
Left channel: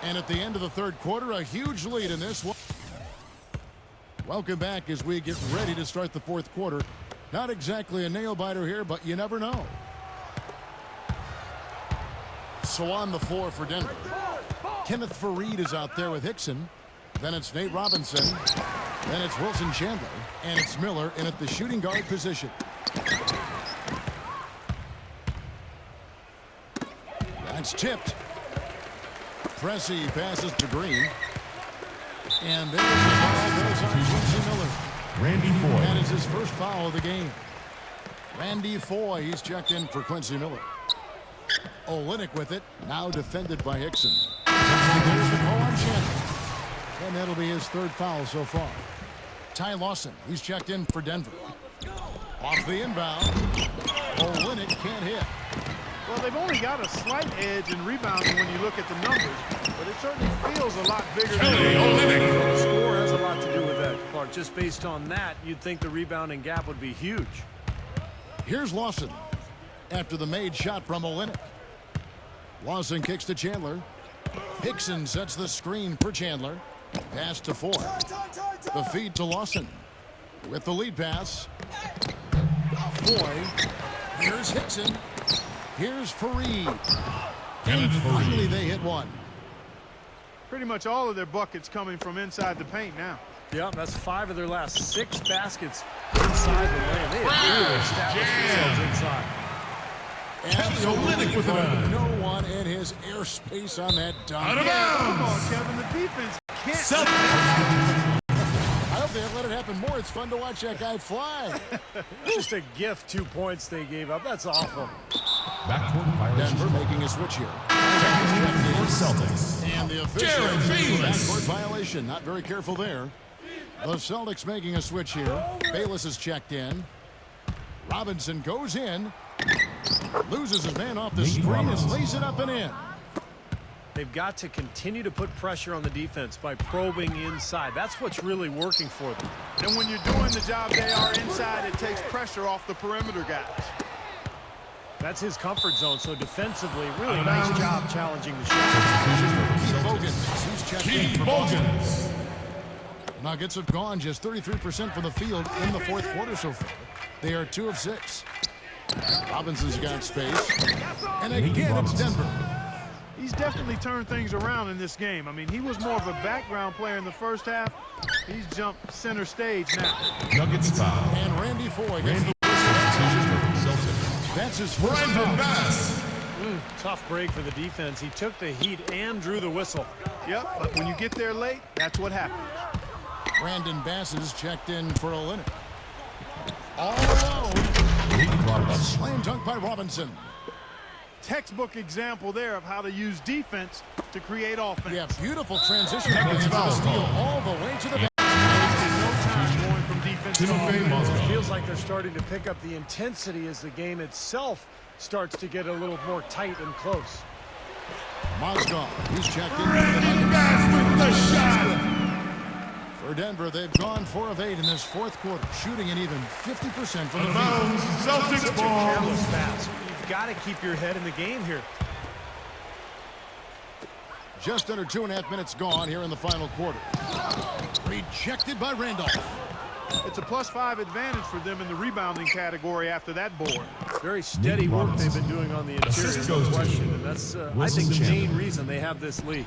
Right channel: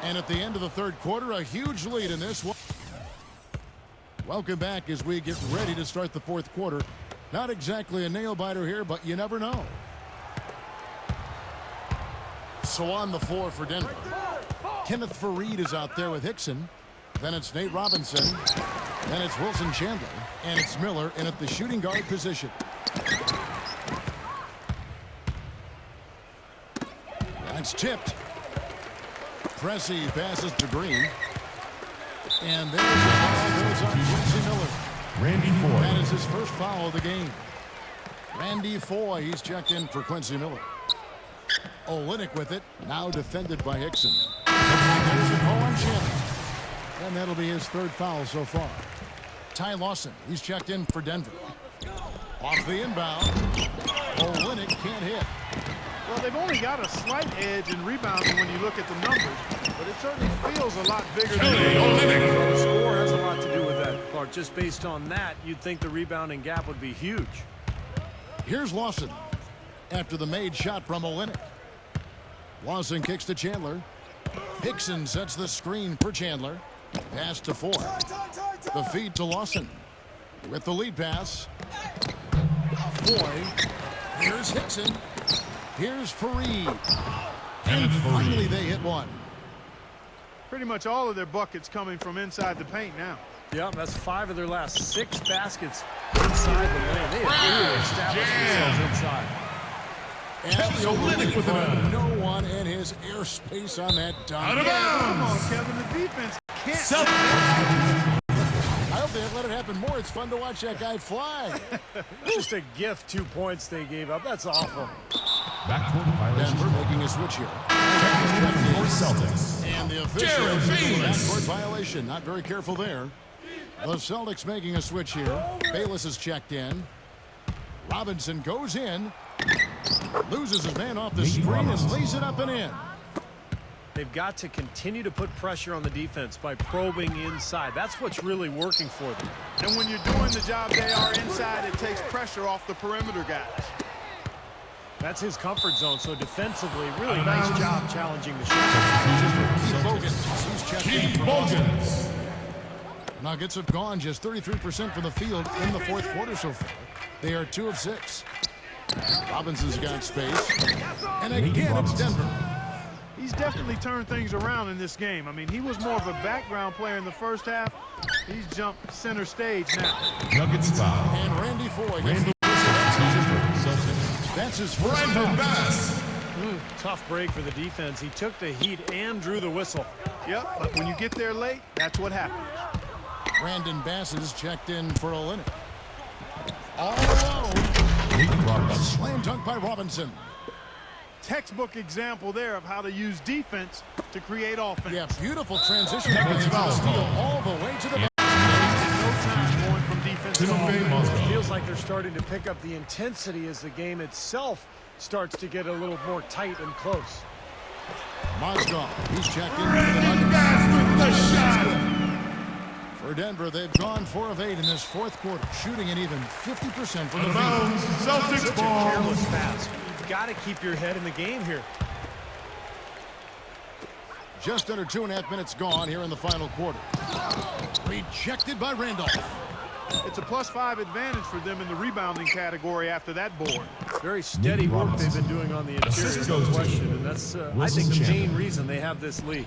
And at the end of the third quarter, a huge lead in this one. Welcome back as we get ready to start the fourth quarter. Not exactly a nail-biter here, but you never know. So on the floor for Denver, Kenneth Faried is out there with Hickson. Then it's Nate Robinson. Then it's Wilson Chandler. And it's Miller in at the shooting guard position. That's tipped. Pressey passes to Green. And there's a foul goes on Quincy Miller. Randy Foy. That is his first foul of the game. Randy Foy, he's checked in for Quincy Miller. Olynyk with it, now defended by Hickson. And there's the call on Chandler. And that'll be his third foul so far. Ty Lawson, he's checked in for Denver. Off the inbound. Olynyk can't hit. Well, they've only got a slight edge in rebounding when you look at the numbers, but it certainly feels a lot bigger than it is. Well, the score has a lot to do with that, Clark. Just based on that, you'd think the rebounding gap would be huge. Here's Lawson after the made shot from Olynyk. Lawson kicks to Chandler. Hickson sets the screen for Chandler. Pass to Foy. The feed to Lawson. With the lead pass. Foy. Here's Hickson. Here's Faried. And finally they hit one. Pretty much all of their buckets coming from inside the paint now. Yeah, that's 5 of their last 6 baskets inside the lane. They have really established themselves inside. Absolutely, Clark. No one in his airspace on that dunk. Yeah, but come on, Kevin. The defense can't let it happen. I hope they let it happen more. It's fun to watch that guy fly. Just a gift, 2 points they gave up. That's awful. Denver making a switch here. And the official signaled a backcourt violation. Not very careful there. The Celtics making a switch here. Bayless is checked in. Robinson goes in. Loses his man off the screen and lays it up and in. They've got to continue to put pressure on the defense by probing inside. That's what's really working for them. And when you're doing the job they are inside, it takes pressure off the perimeter guys. That's his comfort zone. So defensively, really nice job challenging the shot. Keith Bogans, he's checked in for Boston. The Nuggets have gone just 33% from the field in the fourth quarter so far. They are 2 of 6. Robinson's got space. And again, it's Denver. He's definitely turned things around in this game. I mean, he was more of a background player in the first half. He's jumped center stage now. And Randy Foy gets the whistle. That's his first foul. Tough break for the defense. He took the heat and drew the whistle. Yep, but when you get there late, that's what happens. Brandon Bass is checked in for Olynyk. All alone. A slam dunk by Robinson. Textbook example there of how to use defense to create offense. Yeah, beautiful transition play after the steal all the way to the basket. Wasted no time going from defense to offense. Yeah, it feels like they're starting to pick up the intensity as the game itself starts to get a little more tight and close. Mozgov, he's checked in for the Nuggets. That's good. For Denver, they've gone 4 of 8 in this fourth quarter, shooting an even 50% from the field. Such a careless pass. You've got to keep your head in the game here. Just under 2.5 minutes gone here in the final quarter. Rejected by Randolph. It's a +5 advantage for them in the rebounding category after that board. Very steady work they've been doing on the interior, no question. And that's, I think, the main reason they have this lead.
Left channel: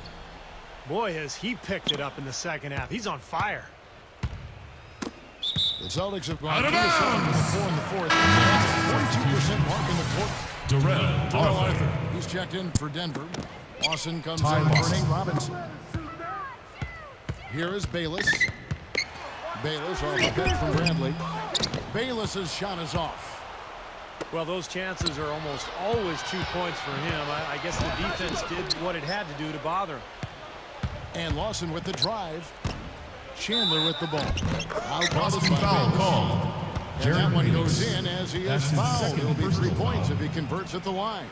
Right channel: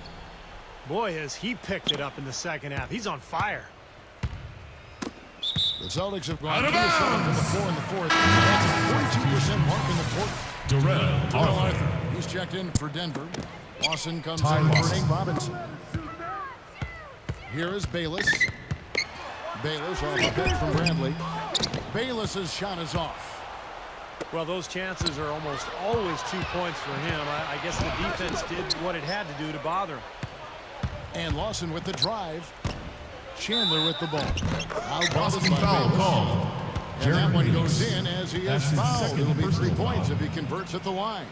Boy, has he picked it up in the second half. He's on fire. The Celtics have gone 3 of 7 from the floor in the fourth. That's a 42% mark in the quarter. Darrell Arthur, he's checked in for Denver. Lawson comes in for Nate Robinson. Here is Bayless. Bayless off a pick from Bradley. Bayless's shot is off. Well, those chances are almost always 2 points for him. I guess the defense did what it had to do to bother him. And Lawson with the drive. Chandler with the ball. Out guarded by Bayless. And that one goes in as he is fouled. It'll be 3 points if he converts at the line.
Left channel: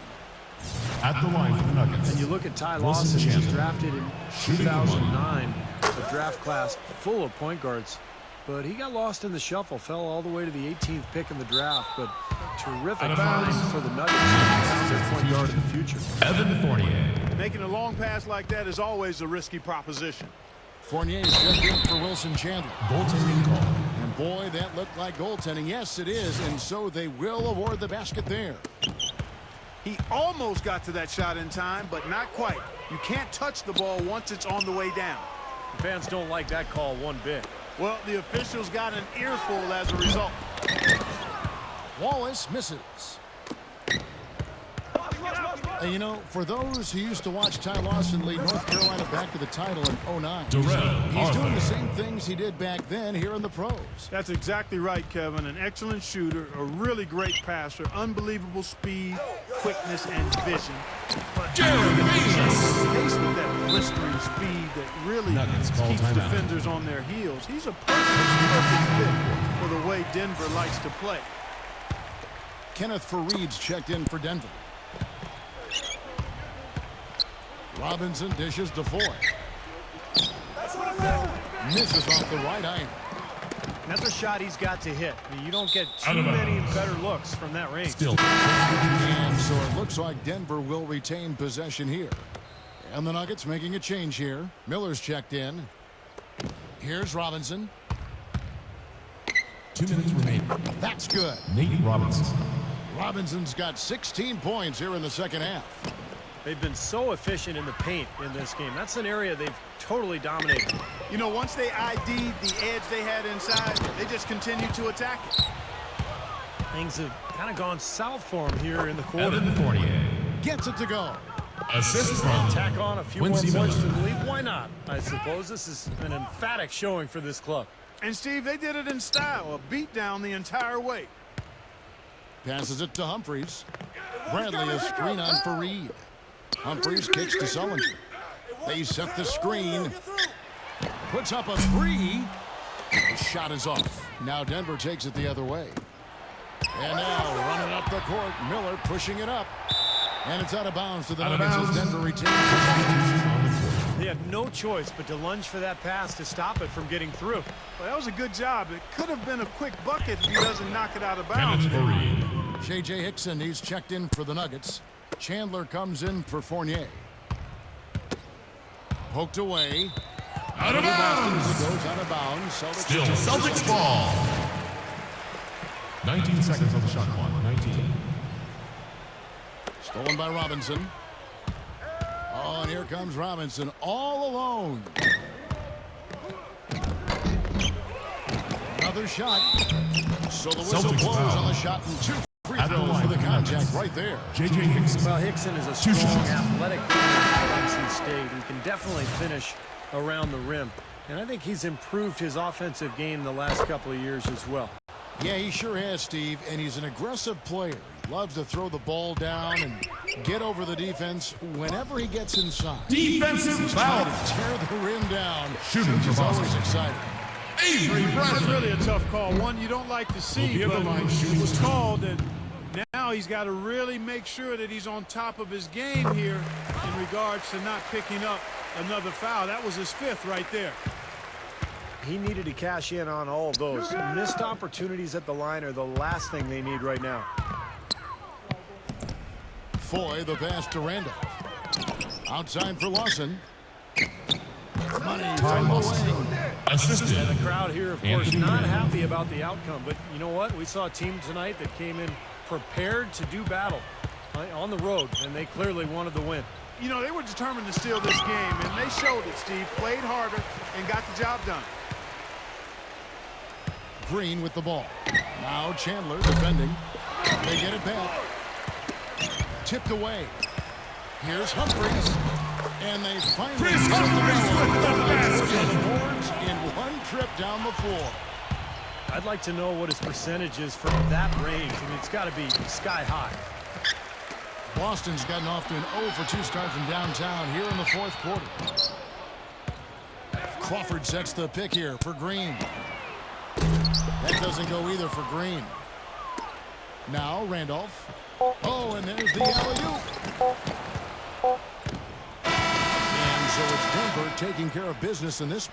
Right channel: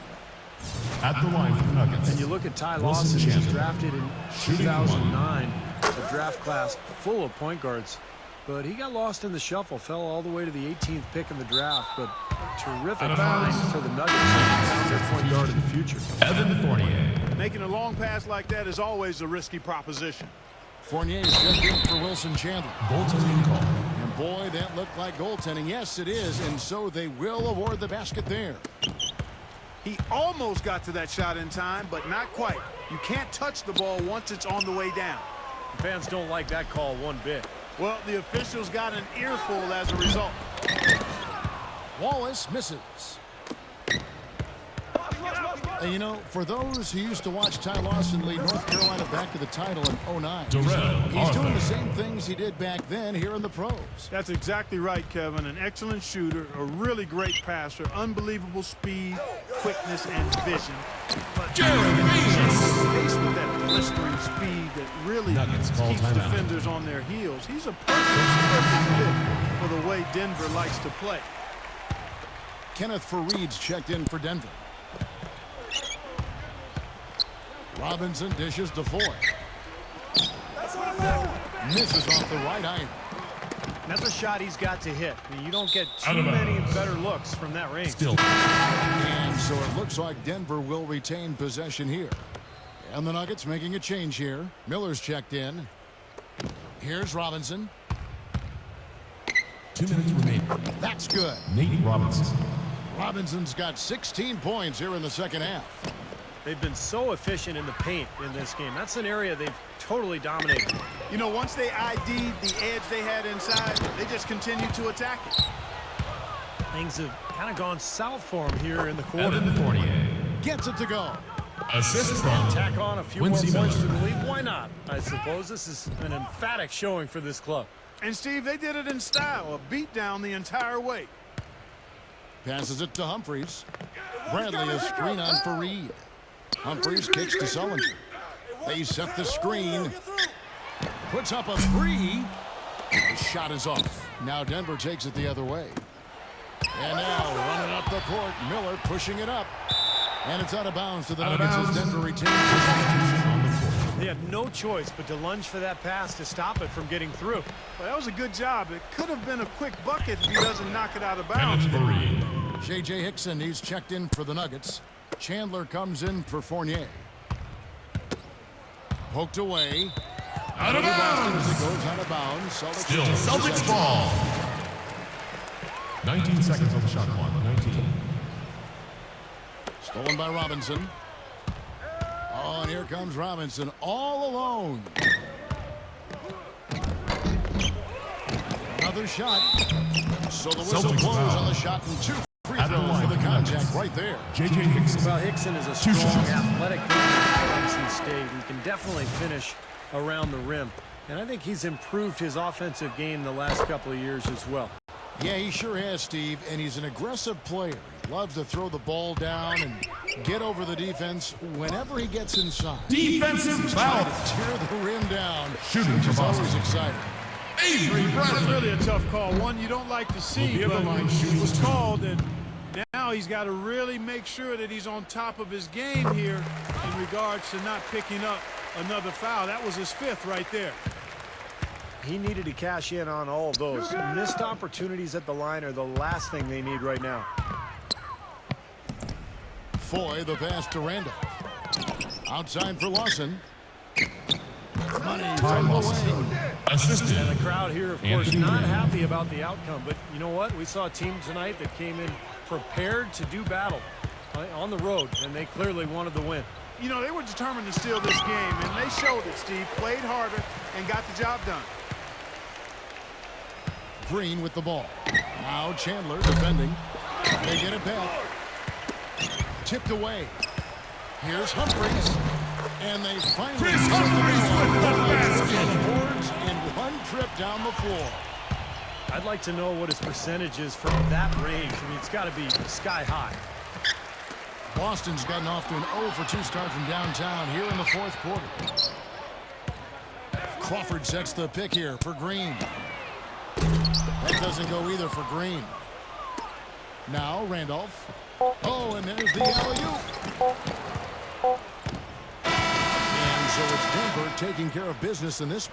And you look at Ty Lawson. He was drafted in 2009, a draft class full of point guards. But he got lost in the shuffle, fell all the way to the 18th pick in the draft. But a terrific find for the Nuggets, who found their point guard of the future. Evan Fournier. Making a long pass like that is always a risky proposition. Fournier's checked in for Wilson Chandler. And boy, that looked like goaltending. Yes, it is, and so they will award the basket there. He almost got to that shot in time, but not quite. You can't touch the ball once it's on the way down. The fans don't like that call one bit. Well, the officials got an earful as a result. Wallace misses. And you know, for those who used to watch Ty Lawson lead North Carolina back to the title in '09, he's doing the same things he did back then here in the pros. That's exactly right, Kevin. An excellent shooter, a really great passer, unbelievable speed, quickness, and vision. But look at the change of pace with that blistering speed that really keeps defenders on their heels. He's a perfect fit for the way Denver likes to play. Kenneth Faried's checked in for Denver. Robinson dishes to Foy. Misses off the right iron. That's a shot he's got to hit. I mean, you don't get too many better looks from that range. And so it looks like Denver will retain possession here. And the Nuggets making a change here. Miller's checked in. Here's Robinson. 2 minutes remaining. That's good. Nate Robinson. Robinson's got 16 points here in the second half. They've been so efficient in the paint in this game. That's an area they've totally dominated. You know, once they ID'd the edge they had inside, they just continued to attack it. Things have kind of gone south for him here in the quarter. Gets it to go. And tack on a few more points to the lead. Why not? I suppose this is an emphatic showing for this club. And, Steve, they did it in style, a beat down the entire way. Passes it to Humphries. Bradley a screen on Faried. Humphries kicks to Sullinger. They set the screen. Puts up a three. The shot is off. Now Denver takes it the other way. And now running up the court, Miller pushing it up. And it's out of bounds to the Nuggets as Denver retains possession. They had no choice but to lunge for that pass to stop it from getting through. Well, that was a good job. It could have been a quick bucket if he doesn't knock it out of bounds there. J.J. Hickson, he's checked in for the Nuggets. Chandler comes in for Fournier. Poked away. That'll be Boston as it goes out of bounds. Celtics retain possession. 19 seconds on the shot clock. 19. Stolen by Robinson. Oh, and here comes Robinson all alone. Another shot. So the whistle blows on the shot and 2 free throws for the contact right there. Well, Hickson is a strong, athletic player at NC State. He can definitely finish around the rim. And I think he's improved his offensive game the last couple of years as well. Yeah, he sure has, Steve, and he's an aggressive player. He loves to throw the ball down and get over the defense whenever he gets inside. He's trying to tear the rim down, which is always exciting. That's really a tough call. One you don't like to see, but it was called, and now he's got to really make sure that he's on top of his game here in regards to not picking up another foul. That was his 5th right there. He needed to cash in on all of those. Missed opportunities at the line are the last thing they need right now. Foy, the pass to Randolph. Outside for Lawson. Money from the wing. And the crowd here, of course, not happy about the outcome. But you know what? We saw a team tonight that came in prepared to do battle on the road, and they clearly wanted the win. You know, they were determined to steal this game, and they showed it, Steve. Played harder and got the job done. Green with the ball. Now Chandler defending. They get it back. Tipped away. Here's Humphries. And they finally get it to go. A full night's work on the boards in one trip down the floor. I'd like to know what his percentage is from that range. I mean, it's got to be sky high. Boston's gotten off to an 0 for 2 start from downtown here in the 4th quarter. Crawford sets the pick here for Green. That doesn't go either for Green. Now Randolph. Oh, and there's the alley-oop. And so it's Denver taking care of business in this.